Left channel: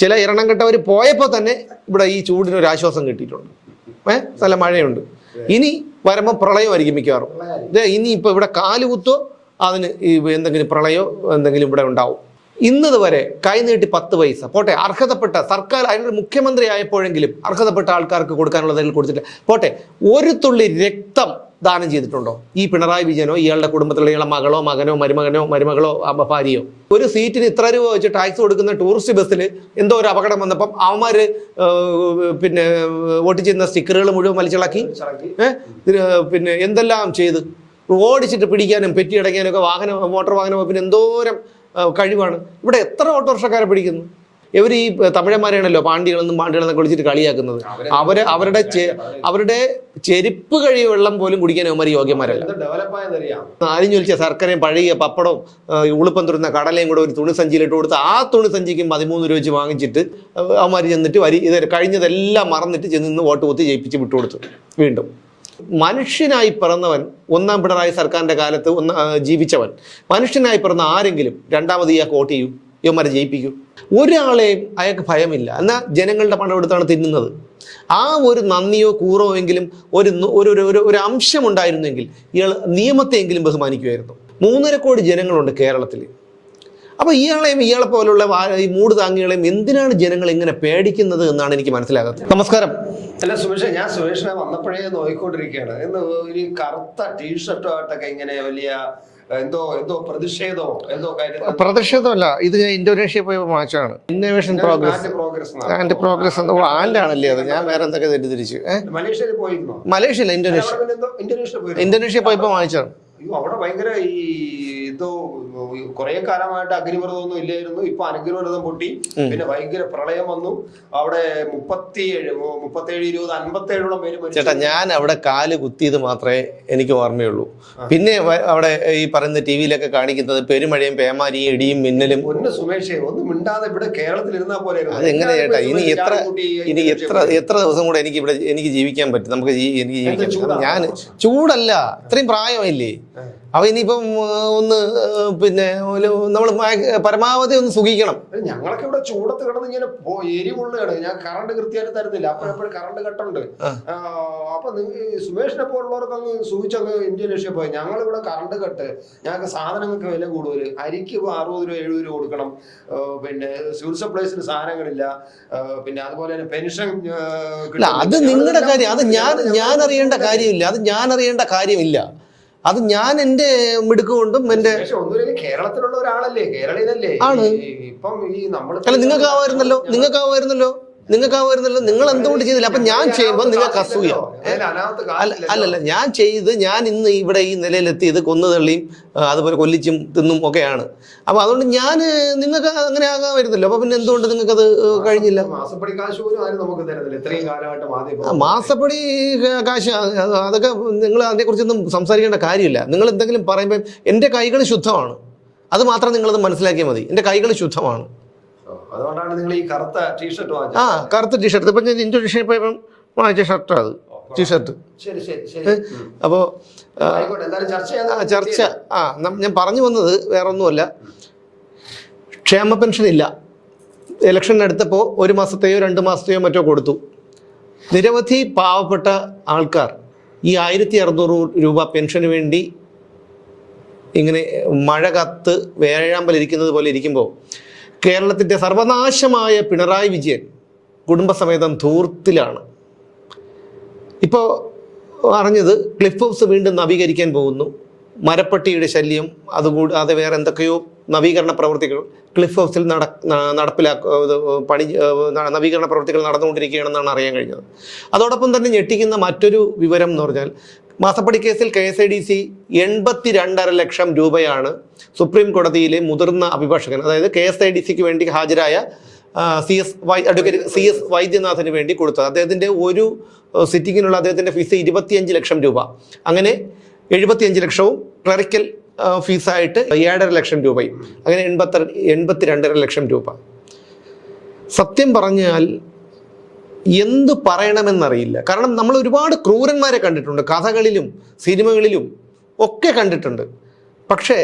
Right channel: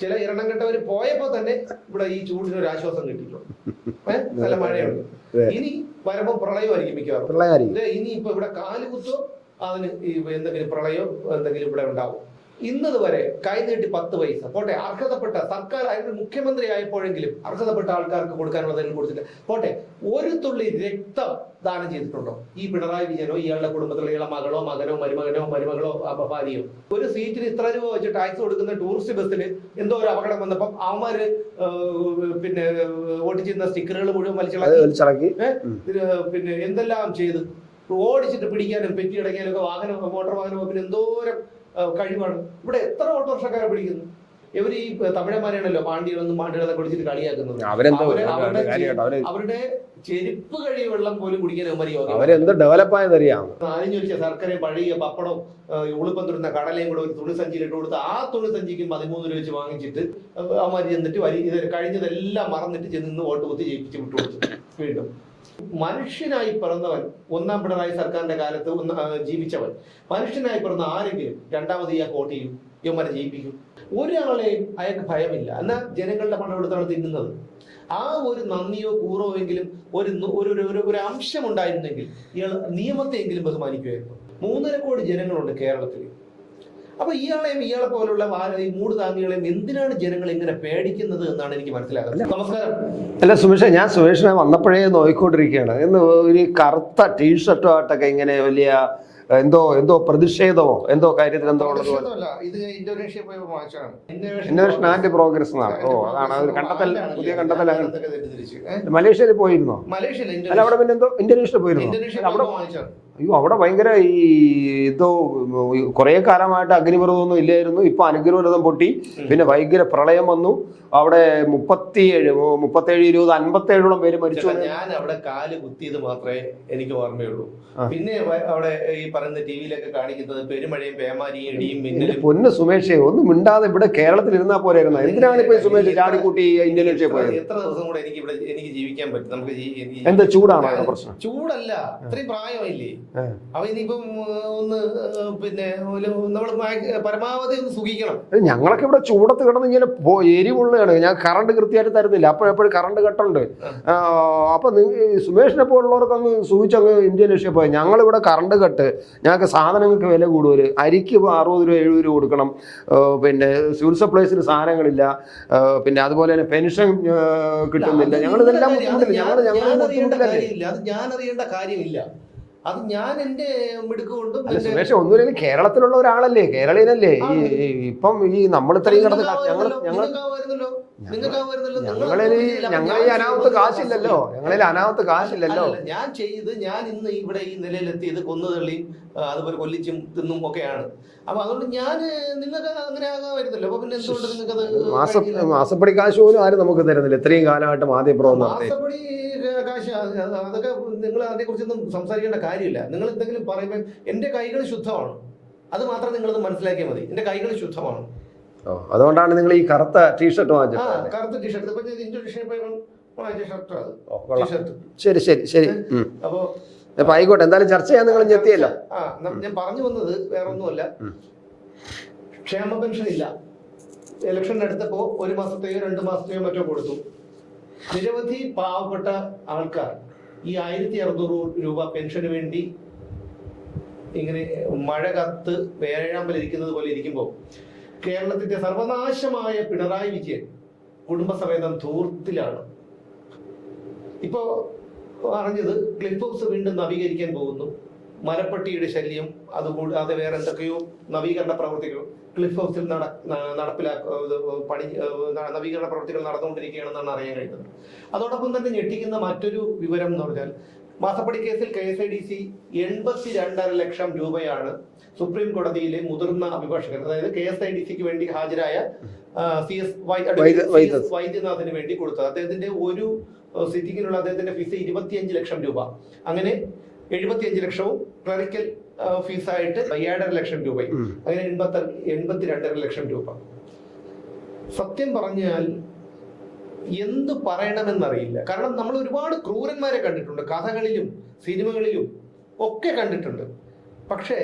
ചില ഇരണം കെട്ടവർ പോയപ്പോൾ തന്നെ ഇവിടെ ഈ ചൂടിന് ഒരു ആശ്വാസം കിട്ടിയിട്ടുണ്ട്. ഏഹ് നല്ല മഴയുണ്ട്. ഇനി വരുമ്പോൾ പ്രളയമായിരിക്കും മിക്കവാറും. ഇനി ഇപ്പൊ ഇവിടെ കാലുകുത്തോ അതിന് ഈ എന്തെങ്കിലും പ്രളയോ എന്തെങ്കിലും ഇവിടെ ഉണ്ടാവും? ഇന്നത് വരെ കൈനീട്ടി പത്ത് പൈസ. പോട്ടെ അർഹതപ്പെട്ട സർക്കാർ അതിനൊരു മുഖ്യമന്ത്രി ആയപ്പോഴെങ്കിലും അർഹതപ്പെട്ട ആൾക്കാർക്ക് കൊടുക്കാനുള്ളതെങ്കിലും കൊടുത്തിട്ടില്ല. പോട്ടെ ഒരു തുള്ളി രക്തം ദാനം ചെയ്തിട്ടുണ്ടോ? ഈ പിണറായി വിജയനോ ഇയാളുടെ കുടുംബത്തിലുള്ള ഇയാളുടെ മകളോ മകനോ മരുമകനോ മരുമകളോ ഭാര്യയോ? ഒരു സീറ്റിന് ഇത്ര രൂപ വെച്ച് ടാക്സ് കൊടുക്കുന്ന ടൂറിസ്റ്റ് ബസ്സിൽ എന്തോ ഒരു അപകടം വന്നപ്പം അവന്മാർ പിന്നെ വോട്ട് ചെയ്യുന്ന സ്റ്റിക്കറുകൾ മുഴുവൻ വലിച്ചിളക്കി. പിന്നെ എന്തെല്ലാം ചെയ്ത്? ഓടിച്ചിട്ട് പിടിക്കാനും പെറ്റിയടയ്ക്കാനും ഒക്കെ വാഹനം മോട്ടോർ വാഹനം പിന്നെ എന്തോരം കഴിവാണ്. ഇവിടെ എത്ര ഓട്ടോറിക്ഷക്കാരെ പിടിക്കുന്നു? ഇവർ ഈ തമിഴന്മാരെയാണല്ലോ പാണ്ടികളെന്നും പാണ്ടികളെന്നൊക്കെ വിളിച്ചിട്ട് കളിയാക്കുന്നത്. അവർ അവരുടെ അവരുടെ ചെരുപ്പ് കഴിയ വെള്ളം പോലും കുടിക്കാൻ അവന്മാർ യോഗ്യന്മാരല്ല. അവരെന്ത് ഡെവലപ്പ് ആയതറിയാം ആരും ചോദിച്ച ശർക്കരയും പഴയ പപ്പടവും ഉളുപ്പം തുറന്ന കടലയും കൂടെ ഒരു തുണി സഞ്ചിയിലിട്ട് കൊടുത്ത് ആ തുണി സഞ്ചിക്ക് പതിമൂന്ന് രൂപ വെച്ച് വാങ്ങിച്ചിട്ട് അവന്മാർ ചെന്നിട്ട് വരി ഇത് കഴിഞ്ഞതെല്ലാം മറന്നിട്ട് ചെന്ന് വോട്ട് കുത്തി ജയിപ്പിച്ച് വിട്ടുകൊടുത്തു. വീണ്ടും. മനുഷ്യനായി പിറന്നവൻ ഒന്നാം പിണറായി സർക്കാരിന്റെ കാലത്ത് ഒന്ന് ജീവിച്ചവൻ. മനുഷ്യനായി പിറന്ന ആരെങ്കിലും രണ്ടാമത് ഇയാൾക്ക് വോട്ട് ചെയ്യൂ. ഇവന്മാരെ ജയിപ്പിക്കൂ. ഒരാളെയും അയാൾക്ക് ഭയമില്ല. എന്നാൽ ജനങ്ങളുടെ പണം എടുത്താണ് തിന്നുന്നത്. ആ ഒരു നന്ദിയോ കൂറോ എങ്കിലും ഒരു ഒരു ഒരു- ഒരു ഒരു അംശം ഉണ്ടായിരുന്നെങ്കിൽ ഇയാൾ നിയമത്തെയെങ്കിലും ബഹുമാനിക്കുമായിരുന്നു. മൂന്നര കോടി ജനങ്ങളുണ്ട് കേരളത്തിൽ അപ്പൊ ഇയാളെയും ഇയാളെ പോലുള്ള ഈ മൂട് താങ്ങികളെയും എന്തിനാണ് ജനങ്ങൾ ഇങ്ങനെ പേടിക്കുന്നത് എന്നാണ് എനിക്ക് മനസ്സിലാകുന്നത്. നമസ്കാരം. അല്ല സുമേഷ് ഞാൻ സുമേഷിനെ വന്നപ്പോഴേ നോക്കിക്കൊണ്ടിരിക്കുകയാണ് എന്ന് ഒരു കറുത്ത ടീഷർട്ടോ ആയിട്ടൊക്കെ ഇങ്ങനെ വലിയ എന്തോ എന്തോ പ്രതിഷേധമോ എന്തോ കാര്യത്തിൽ പ്രതിഷേധമല്ല. ഇത് ഞാൻ ഇന്തോനേഷ്യ പോയ മാച്ചാണ് ഇന്നോവേഷൻ പ്രോഗ്രസ് പ്രോഗ്രസ് ആൻഡാണല്ലേ അത്? ഞാൻ വേറെ എന്തൊക്കെ തെറ്റിദ്ധരിച്ചു? മലേഷ്യയിൽ പോയിരുന്നോ? മലേഷ്യല്ല അല്ല, ഇന്തോനേഷ്യ. ഇന്തോനേഷ്യ പോയി ഇന്തോനേഷ്യ പോയപ്പോ വാങ്ങിച്ചാണ് അയ്യോ അവിടെ ഭയങ്കര ഈ എന്തോ കുറെ കാലമായിട്ട് അഗ്നിപർവതമൊന്നും ഇല്ലായിരുന്നു. ഇപ്പൊ അനുഗ്രഹം പൊട്ടി. പിന്നെ ഭയങ്കര പ്രളയം വന്നു. അവിടെ മുപ്പത്തിയേഴ് മുപ്പത്തേഴ് ഇരുപത് അൻപത്തേഴോളം പേര് മരിച്ചു. ചേട്ടാ ഞാൻ അവിടെ കാൽ കുത്തിയത് മാത്രമേ എനിക്ക് ഓർമ്മയുള്ളൂ. പിന്നെ അവിടെ ഈ പറയുന്ന ടി വിയിലൊക്കെ കാണിക്കുന്നത് പെരുമഴയും പേമാരിയും ഇടിയും മിന്നലും. ഒന്ന് സുമേഷേ ഒന്നും മിണ്ടാതെ ഇവിടെ കേരളത്തിൽ ഇരുന്നാ പോലെ ഇനി എത്ര ഇനി എത്ര എത്ര ദിവസം കൂടെ എനിക്ക് ഇവിടെ എനിക്ക് ജീവിക്കാൻ പറ്റും. നമുക്ക് ഞാൻ ചൂടല്ല. ഇത്രയും പ്രായമായില്ലേ ഏ. അപ്പൊ ഇനിയിപ്പം ഒന്ന് പിന്നെ നമ്മൾ പരമാവധി ഒന്ന് സുഖിക്കണം. ഞങ്ങളൊക്കെ ഇവിടെ ചൂടത്ത് കിടന്ന് ഇങ്ങനെ എരിവുള്ളതാണ്. ഞാൻ കറണ്ട് കൃത്യമായിട്ട് തരുന്നില്ല. അപ്പോഴെപ്പോഴും കറണ്ട് കട്ടുണ്ട്. അപ്പൊ സുമേഷിനെ പോലുള്ളവർക്ക് അങ്ങ് സൂചിച്ചങ്ങ് രക്ഷപ്പോയി പോയി. ഞങ്ങളിവിടെ കറണ്ട് കെട്ട്. ഞങ്ങൾക്ക് സാധനങ്ങൾക്ക് വില കൂടുതൽ അരിക്ക് അറുപത് രൂപ എഴുപത് രൂപ കൊടുക്കണം. പിന്നെ സിവിൽ സപ്ലൈസിന് സാധനങ്ങളില്ല. പിന്നെ അതുപോലെ തന്നെ പെൻഷൻ കിട്ടും അത് നിങ്ങളുടെ കാര്യം. അത് ഞാൻ ഞാൻ അറിയേണ്ട കാര്യമില്ല. അത് ഞാൻ അറിയേണ്ട കാര്യമില്ല. അത് ഞാൻ എന്റെ മിടുക്ക് കൊണ്ടും എന്റെ ഒന്നുമില്ല കേരളത്തിലുള്ള ഒരാളല്ലേ? കേരളീയനല്ലേ? ഇപ്പം ഈ നമ്മൾ നിങ്ങൾക്ക് ആവായിരുന്നല്ലോ നിങ്ങൾക്ക് ആവായിരുന്നല്ലോ നിങ്ങൾക്ക് ആ വരുന്നല്ലോ. നിങ്ങൾ എന്തുകൊണ്ട് ചെയ്തില്ല? അപ്പൊ ഞാൻ ചെയ്യുമ്പോൾ നിങ്ങൾക്ക് അസൂയ അല്ലല്ല ഞാൻ ചെയ്ത് ഞാൻ ഇന്ന് ഇവിടെ ഈ നിലയിലെത്തിയത് കൊന്നുതള്ളിയും അതുപോലെ കൊല്ലിച്ചും തിന്നും ഒക്കെയാണ്. അപ്പൊ അതുകൊണ്ട് ഞാൻ നിങ്ങൾക്ക് അങ്ങനെ ആകാൻ വരുന്നില്ല. അപ്പൊ പിന്നെ എന്തുകൊണ്ട് നിങ്ങൾക്ക് അത് കഴിഞ്ഞില്ല? മാസ- മാസപ്പടി കാശ് പോലും ആരും നമുക്ക് തരുന്നില്ല. ഇത്രയും കാലമായിട്ട് മാസപ്പടി കാശ് അതൊക്കെ നിങ്ങൾ അതിനെക്കുറിച്ചൊന്നും സംസാരിക്കേണ്ട കാര്യമില്ല. നിങ്ങൾ എന്തെങ്കിലും പറയുമ്പോൾ എന്റെ കൈകൾ ശുദ്ധമാണ്. അത് മാത്രം നിങ്ങളത് മനസ്സിലാക്കിയാൽ മതി. എന്റെ കൈകൾ ശുദ്ധമാണ്. അതുകൊണ്ടാണ് നിങ്ങൾ ഈ കറുത്ത ടീഷർട്ട് ആ വാങ്ങിച്ചത് കറുത്ത ടീഷർട്ട് ഇപ്പം ഞാൻ ഇൻഡോനേഷ്യ പോയപ്പം വാങ്ങിച്ച ഷർട്ടാണ് അത്. ടീഷർട്ട് ശരി ശരി ശരി. അപ്പോ അപ്പോൾ അപ്പൊ ആയിക്കോട്ടെ എന്തായാലും ചർച്ച ചെയ്യാൻ ആ ചർച്ച. ആ ഞാൻ പറഞ്ഞു വന്നത് വേറെ ഒന്നുമല്ല ക്ഷേമ പെൻഷൻ ഇല്ല. ഇലക്ഷൻ എടുത്തപ്പോൾ ഒരു മാസത്തെയോ രണ്ട് മാസത്തെയോ മറ്റോ കൊടുത്തു. നിരവധി പാവപ്പെട്ട ആൾക്കാർ ഈ ആയിരത്തി അറുന്നൂറ് രൂപ പെൻഷന് വേണ്ടി ഇങ്ങനെ മഴ കത്ത് വേഴാമ്പലിരിക്കുന്നത് പോലെ ഇരിക്കുമ്പോൾ കേരളത്തിന്റെ സർവനാശമായ പിണറായി വിജയൻ കുടുംബസമേതം ധൂർത്തിലാണ്. ഇപ്പോൾ അറിഞ്ഞത് ക്ലിഫ് ഹൗസ് വീണ്ടും നവീകരിക്കാൻ പോകുന്നു. മരപ്പട്ടിയുടെ ശല്യം അതുകൂടി അത് വേറെ എന്തൊക്കെയോ നവീകരണ പ്രവർത്തികൾ ക്ലിഫ് ഹൗസിൽ നട നടപ്പിലാക്ക പണി നവീകരണ പ്രവർത്തികൾ നടന്നുകൊണ്ടിരിക്കുകയാണെന്നാണ് അറിയാൻ കഴിഞ്ഞത്. അതോടൊപ്പം തന്നെ ഞെട്ടിക്കുന്ന മറ്റൊരു വിവരം എന്ന് പറഞ്ഞാൽ മാസപ്പടി കേസിൽ K S I D C എൺപത്തി രണ്ടര ലക്ഷം രൂപയാണ് സുപ്രീം കോടതിയിലെ മുതിർന്ന അഭിഭാഷകൻ അതായത് കെ എസ് ഐ ഡി സിക്ക് വേണ്ടി ഹാജരായ C S Y advocate C S വൈദ്യനാഥന് വേണ്ടി കൊടുത്തത്. അദ്ദേഹത്തിന്റെ ഒരു സിറ്റിങ്ങിനുള്ള അദ്ദേഹത്തിന്റെ ഫീസ് ഇരുപത്തിയഞ്ച് ലക്ഷം രൂപ. അങ്ങനെ എഴുപത്തിയഞ്ച് ലക്ഷവും ക്ലറിക്കൽ ഫീസായിട്ട് ഏഴര ലക്ഷം രൂപയും. അങ്ങനെ എൺപത്തി എൺപത്തി രണ്ടര ലക്ഷം രൂപ. സത്യം പറഞ്ഞാൽ എന്ത് പറയണമെന്നറിയില്ല. കാരണം നമ്മൾ ഒരുപാട് ക്രൂരന്മാരെ കണ്ടിട്ടുണ്ട്. കഥകളിലും സിനിമകളിലും ഒക്കെ കണ്ടിട്ടുണ്ട്. പക്ഷേ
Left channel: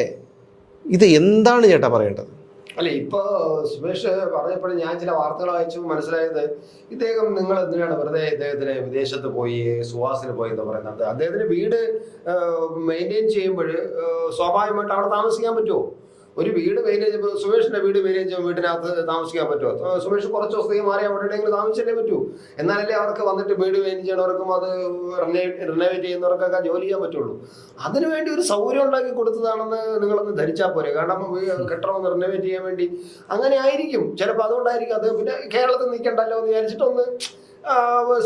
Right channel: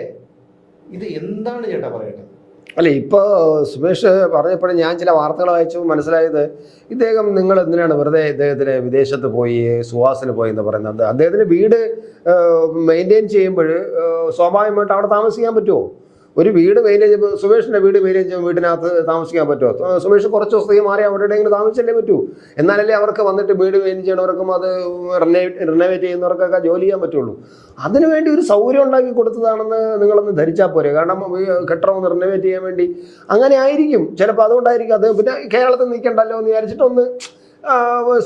ഇത് എന്താണ് ചേട്ടാ പറയേണ്ടത്? അല്ല ഇപ്പോൾ സുമേഷ് പറഞ്ഞപ്പോഴും ഞാൻ ചില വാർത്തകൾ വായിച്ചു മനസ്സിലായത് ഇദ്ദേഹം നിങ്ങൾ എന്തിനാണ് വെറുതെ ഇദ്ദേഹത്തിന് വിദേശത്ത് പോയി സുഹാസിന് പോയി എന്ന് പറയുന്നത്? അദ്ദേഹത്തിന് വീട് മെയിന്റെയിൻ ചെയ്യുമ്പോൾ സ്വാഭാവികമായിട്ട് അവിടെ താമസിക്കാൻ പറ്റുമോ? ഒരു വീട് മെയിന്റെയിൻ സുമേഷിന്റെ വീട് മെയിന്റെയിൻ ചെയ്യുമ്പോൾ വീടിനകത്ത് താമസിക്കാൻ പറ്റുമോ? സുമേഷ് കുറച്ച് ദിവസത്തേക്ക് മാറി എവിടെയെങ്കിലും താമസിച്ചല്ലേ പറ്റൂ? എന്നാലല്ലേ അവർക്ക് വന്നിട്ട് വീട് മെയിൻ ചെയ്യണവർക്കും അത് റിനോവേറ്റ് ചെയ്യുന്നവർക്കൊക്കെ ജോലി ചെയ്യാൻ പറ്റുള്ളൂ. അതിനുവേണ്ടി ഒരു സൗകര്യം ഉണ്ടാക്കി കൊടുത്തതാണെന്ന് നിങ്ങളൊന്ന് ധരിച്ചാൽ പോരെ. കാരണം കെട്ടണം ഒന്ന് റിനോവേറ്റ് ചെയ്യാൻ വേണ്ടി അങ്ങനെ ആയിരിക്കും. ചിലപ്പോൾ അതുകൊണ്ടായിരിക്കും അത് പിന്നെ കേരളത്തിൽ നിൽക്കണ്ടല്ലോ എന്ന് വിചാരിച്ചിട്ട് ഒന്ന് ആ,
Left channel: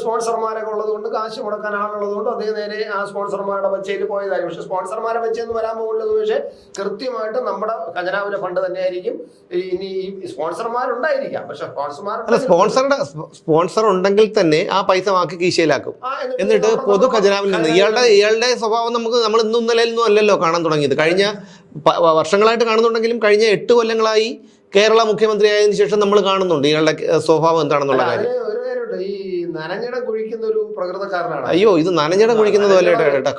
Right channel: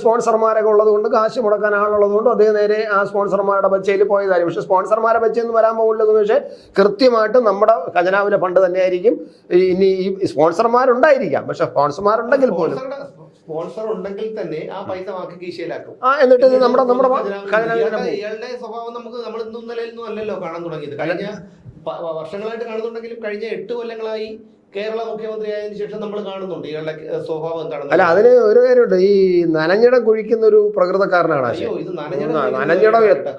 സ്പോൺസർമാരൊക്കെ ഉള്ളതുകൊണ്ട് കാശ് മുടക്കാൻ ആളുള്ളതുകൊണ്ട് അതേ അദ്ദേഹം നേരെ ആ സ്പോൺസർമാരുടെ ബച്ചയിൽ പോയതായിരിക്കും. പക്ഷെ സ്പോൺസർമാരെ ബച്ചെന്ന് വരാൻ പോകുന്നത് പക്ഷേ കൃത്യമായിട്ട് നമ്മുടെ ഖജനാവിലെ ഫണ്ട് തന്നെയായിരിക്കും. ഇനി ഈ സ്പോൺസർമാരുണ്ടായിരിക്കാം. പക്ഷെ സ്പോൺസർമാരുടെ സ്പോൺസർമാരുണ്ടെങ്കിൽ സ്പോൺസറുടെ സ്പോൺസർ ഉണ്ടെങ്കിൽ തന്നെ ആ പൈസ വാക്കി കീശയിലാക്കും. എന്നിട്ട് പൊതു നമ്മുടെ ഖജനാവിൽ നിന്ന് ഇയാളുടെ ഇയാളുടെ സ്വഭാവം നമുക്ക് നമ്മൾ ഇന്നും ഇന്നലെയൊന്നും അല്ലല്ലോ കാണാൻ തുടങ്ങിയത്. കഴിഞ്ഞ വർഷങ്ങളായിട്ട് കാണുന്നുണ്ടെങ്കിലും കഴിഞ്ഞ എട്ട് കൊല്ലങ്ങളായി കേരള മുഖ്യമന്ത്രി ആയതിനു ശേഷം നമ്മൾ കാണുന്നുണ്ട്. ഇയാളുടെ സ്വഭാവം എന്താണെന്ന് അതിന് ഒരു കാര്യമുണ്ട്. ഈ നനഞ്ഞിടം കുഴിക്കുന്ന ഒരു പ്രകൃതക്കാരനാണ്. അയ്യോ ഇത് നനഞ്ഞട കുഴിക്കുന്നത്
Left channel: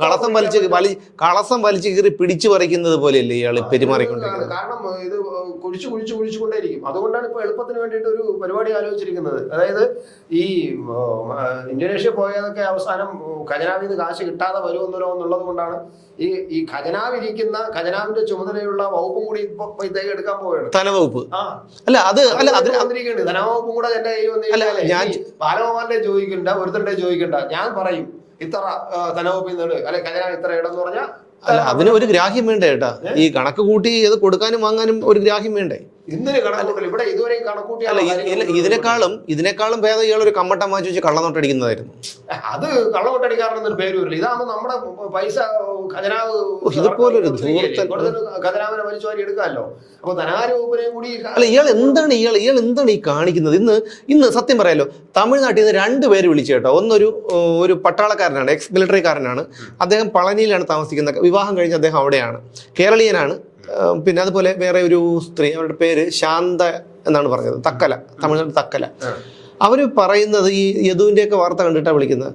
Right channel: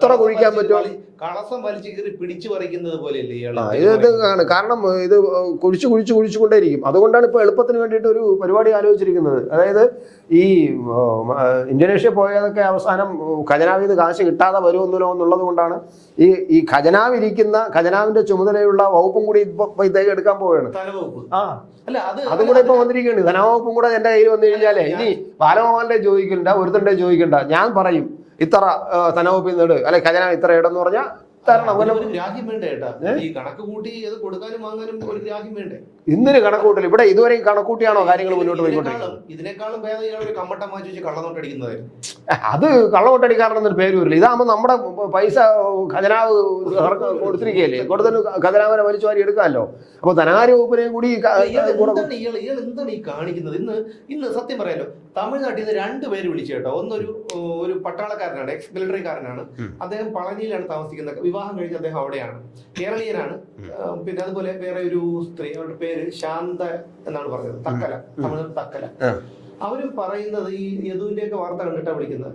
കളസം വലിച്ച് വലി കളസം വലിച്ചു കീറി പിടിച്ചു പറിക്കുന്നത് പോലെയല്ലേ ഇയാൾ ആണ്. കാരണം ഇത് കുഴിച്ചു കുഴിച്ചു കുഴിച്ചുകൊണ്ടേയിരിക്കും അതുകൊണ്ടാണ് ഇപ്പൊ എളുപ്പത്തിന് വേണ്ടിയിട്ട് ഒരു പരിപാടി ആലോചിച്ചിരിക്കുന്നത്. അതായത് ഈ ഇന്തോനേഷ്യ പോയതൊക്കെ അവസാനം ഖജനാവിൽ നിന്ന് കാശ് കിട്ടാതെ വരുമെന്നല്ലോ എന്നുള്ളത് കൊണ്ടാണ് ഈ ഈ ഖജനാവിരിക്കുന്ന ഖജനാവിന്റെ ചുമതലയുള്ള വകുപ്പും കൂടി ഇപ്പൊ ഇദ്ദേഹം എടുക്കാൻ പോവുകയാണ്. ധനവകുപ്പ്. ആ. അല്ല അത് അത് ധനവകുപ്പും കൂടെ എന്റെ കയ്യിൽ വന്നു ഇനി ബാലഗോപാലിന്റെ ചോദിക്കണ്ട ഒരുത്തന്റെ ചോദിക്കണ്ട. ഞാൻ പറയും ഇത്ര ധനവകുപ്പിൽ നിന്ന് അല്ലെ കല്യാണം ഇത്ര ഇടം പറഞ്ഞാൽ അതിന് ഒരു ഗ്രാഹ്യം വേണ്ടേ ഏട്ടാ? ഈ കണക്ക് കൂട്ടി ഇത് കൊടുക്കാനും വാങ്ങാനും ഒരു ഗ്രാഹ്യം വേണ്ടേ? ഇന്നിന് കണക്കൂട്ടൽ. ഇവിടെ ഇതുവരെയും കണക്കൂട്ടിയാണോ ഇതിനേക്കാളും ഇതിനേക്കാളും ഭേദം ഇയാൾ ഒരു കമ്മട്ടം വാങ്ങിച്ച് വെച്ച് കള്ളനോട്ടടിക്കുന്നതായിരുന്നു അത് കള്ളനോട്ടടിക്കാറുണ്ടെന്നൊരു പേര് വരില്ല. ഇതാകുമ്പോ നമ്മുടെ പൈസ ഖജനാവ് ഖജനാവിനെ വലിച്ചു വാരി എടുക്കാമല്ലോ. അപ്പൊ ധനകാര്യ വകുപ്പിനെയും കൂടി ഇയാൾ എന്താണ് ഇയാൾ ഇയാൾ എന്താണ് ഈ കാണിക്കുന്നത്? ഇന്ന് ഇന്ന് സത്യം പറയാലോ തമിഴ്നാട്ടിൽ നിന്ന് രണ്ട് പേര് വിളിച്ചു കേട്ടോ. ഒന്നൊരു ഒരു പട്ടാളക്കാരനാണ് എക്സ് മിലിറ്ററിക്കാരനാണ് അദ്ദേഹം പളനിയിലാണ് താമസിക്കുന്നത് വിവാഹം കഴിഞ്ഞ് അദ്ദേഹം അവിടെയാണ്. കേരളീയനാണ്. പിന്നെ അതുപോലെ വേറെ ഒരു സ്ത്രീ അവരുടെ പേര് ശാന്ത എന്നാണ് പറഞ്ഞത്. തക്കല തമിഴ്നാട് തക്കല. അവർ പറയുന്നത് ഈ യദുവിന്റെ ഒക്കെ വാർത്ത കണ്ടിട്ടാണ് വിളിക്കുന്നത്.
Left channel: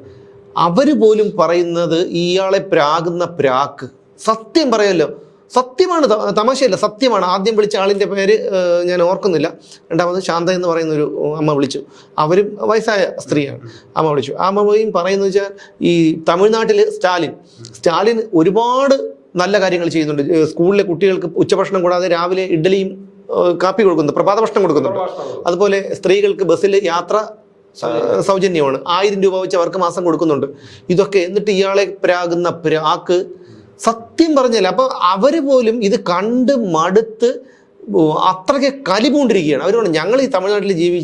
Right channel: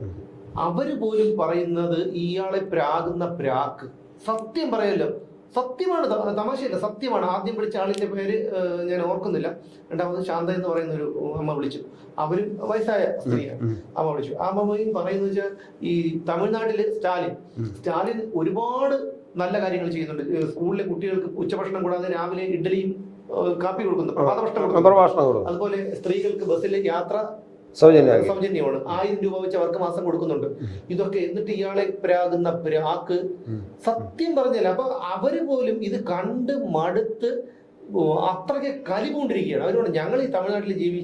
അവർ പോലും പറയുന്നത് ഇയാളെ പ്രാകുന്ന പ്രാക്ക്. സത്യം പറയല്ലോ. സത്യമാണ് തമാശയല്ല സത്യമാണ്. ആദ്യം വിളിച്ച ആളിന്റെ പേര് ഞാൻ ഓർക്കുന്നില്ല. രണ്ടാമത് ശാന്ത എന്ന് പറയുന്ന ഒരു അമ്മ വിളിച്ചു. അവരും വയസ്സായ സ്ത്രീയാണ്. അമ്മ വിളിച്ചു. ആ അമ്മയും പറയുന്നത് വെച്ചാൽ ഈ തമിഴ്നാട്ടിൽ സ്റ്റാലിൻ. സ്റ്റാലിൻ ഒരുപാട് നല്ല കാര്യങ്ങൾ ചെയ്യുന്നുണ്ട്. സ്കൂളിലെ കുട്ടികൾക്ക് ഉച്ചഭക്ഷണം കൂടാതെ രാവിലെ ഇഡ്ഡലിയും കാപ്പി കൊടുക്കുന്നു. പ്രഭാത ഭക്ഷണം കൊടുക്കുന്നു. അതുപോലെ സ്ത്രീകൾക്ക് ബസ്സിൽ യാത്ര സൗജന്യമാണ്. ആയിരം രൂപ വെച്ച് അവർക്ക് മാസം കൊടുക്കുന്നുണ്ട്. ഇതൊക്കെ എന്നിട്ട് ഇയാളെ പ്രാകുന്ന പ്രാക്ക് സത്യം പറഞ്ഞല്ല അപ്പൊ അവർ പോലും ഇത് കണ്ട് മടുത്ത് അത്രയ്ക്ക് കലിപൂണ്ടിരിക്കുകയാണ്. അവർ പറഞ്ഞു ഞങ്ങൾ ഈ തമിഴ്നാട്ടിൽ ജീവി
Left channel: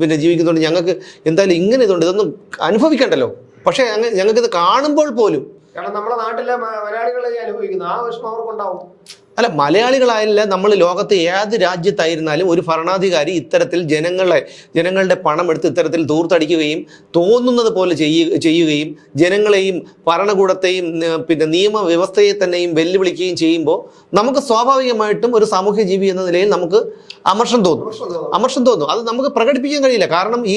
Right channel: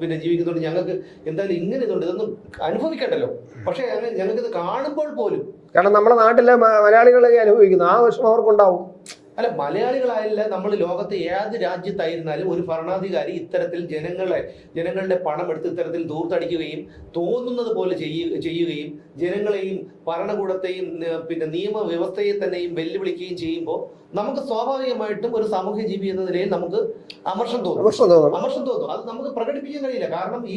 പിന്നെ ജീവിക്കുന്നുണ്ട് ഞങ്ങൾക്ക് എന്തായാലും ഇങ്ങനെ ഇതുണ്ട്. ഇതൊന്നും അനുഭവിക്കണ്ടല്ലോ. പക്ഷേ ഞങ്ങൾക്ക് ഇത് കാണുമ്പോൾ പോലും കാരണം നമ്മുടെ നാട്ടിലെ മലയാളികളെ അനുഭവിക്കുന്നു. ആ വിഷമം അവർക്കുണ്ടാവും. അല്ല മലയാളികളായല്ല നമ്മൾ ലോകത്തെ ഏത് രാജ്യത്തായിരുന്നാലും ഒരു ഭരണാധികാരി ഇത്തരത്തിൽ ജനങ്ങളെ ജനങ്ങളുടെ പണം എടുത്ത് ഇത്തരത്തിൽ തൂർത്തടിക്കുകയും തോന്നുന്നത് പോലെ ചെയ്യുകയും ജനങ്ങളെയും ഭരണകൂടത്തെയും പിന്നെ നിയമവ്യവസ്ഥയെ തന്നെയും വെല്ലുവിളിക്കുകയും ചെയ്യുമ്പോൾ നമുക്ക് സ്വാഭാവികമായിട്ടും ഒരു സാമൂഹ്യ ജീവി എന്ന നിലയിൽ നമുക്ക് അമർഷം തോന്നും. അമർഷം തോന്നും. അത് നമുക്ക് പ്രകടിപ്പിക്കാൻ കഴിയില്ല. കാരണം ഈ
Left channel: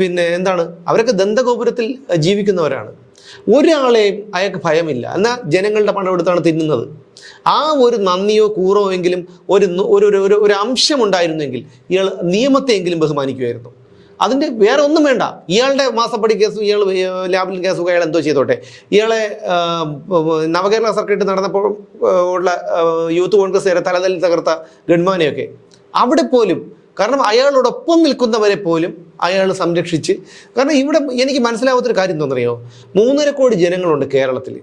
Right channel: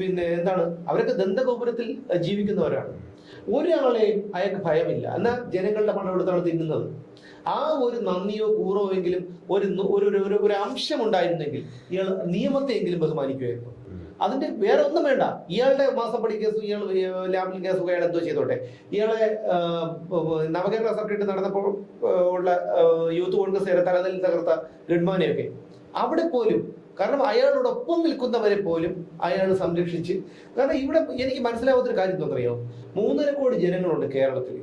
പിന്നെ എന്താണ്? അവരൊക്കെ ദന്തഗോപുരത്തിൽ ജീവിക്കുന്നവരാണ്. ഒരാളെയും അയാൾക്ക് ഭയമില്ല. എന്നാൽ ജനങ്ങളുടെ പണം എടുത്താണ് തിന്നുന്നത്. ആ ഒരു നന്ദിയോ കൂറോ എങ്കിലും ഒരു ഒരു ഒരു- ഒരു അംശമുണ്ടായിരുന്നെങ്കിൽ ഇയാൾ നിയമത്തെയെങ്കിലും ബഹുമാനിക്കുമായിരുന്നു. അതിന്റെ വേറെ ഒന്നും വേണ്ട. ഇയാളുടെ മാസപ്പടി കേസും ഇയാൾ ലാബിൽ കേസും അയാൾ എന്തോ ചെയ്തോട്ടെ. ഇയാളെ നവകേരള സർക്കിട്ട് നടന്നപ്പോൾ ഉള്ള യൂത്ത് കോൺഗ്രസ് തലതലിൽ തകർത്ത ഗഡ്മാനെയൊക്കെ അവിടെ പോലും കാരണം അയാളോടൊപ്പം നിൽക്കുന്നവരെ പോലും അയാൾ സംരക്ഷിച്ച്. കാരണം ഇവിടെ എനിക്ക് മനസ്സിലാവാത്തൊരു കാര്യം എന്താണെന്നറിയോ? മൂന്നര കോടി ജനങ്ങളുണ്ട് കേരളത്തിൽ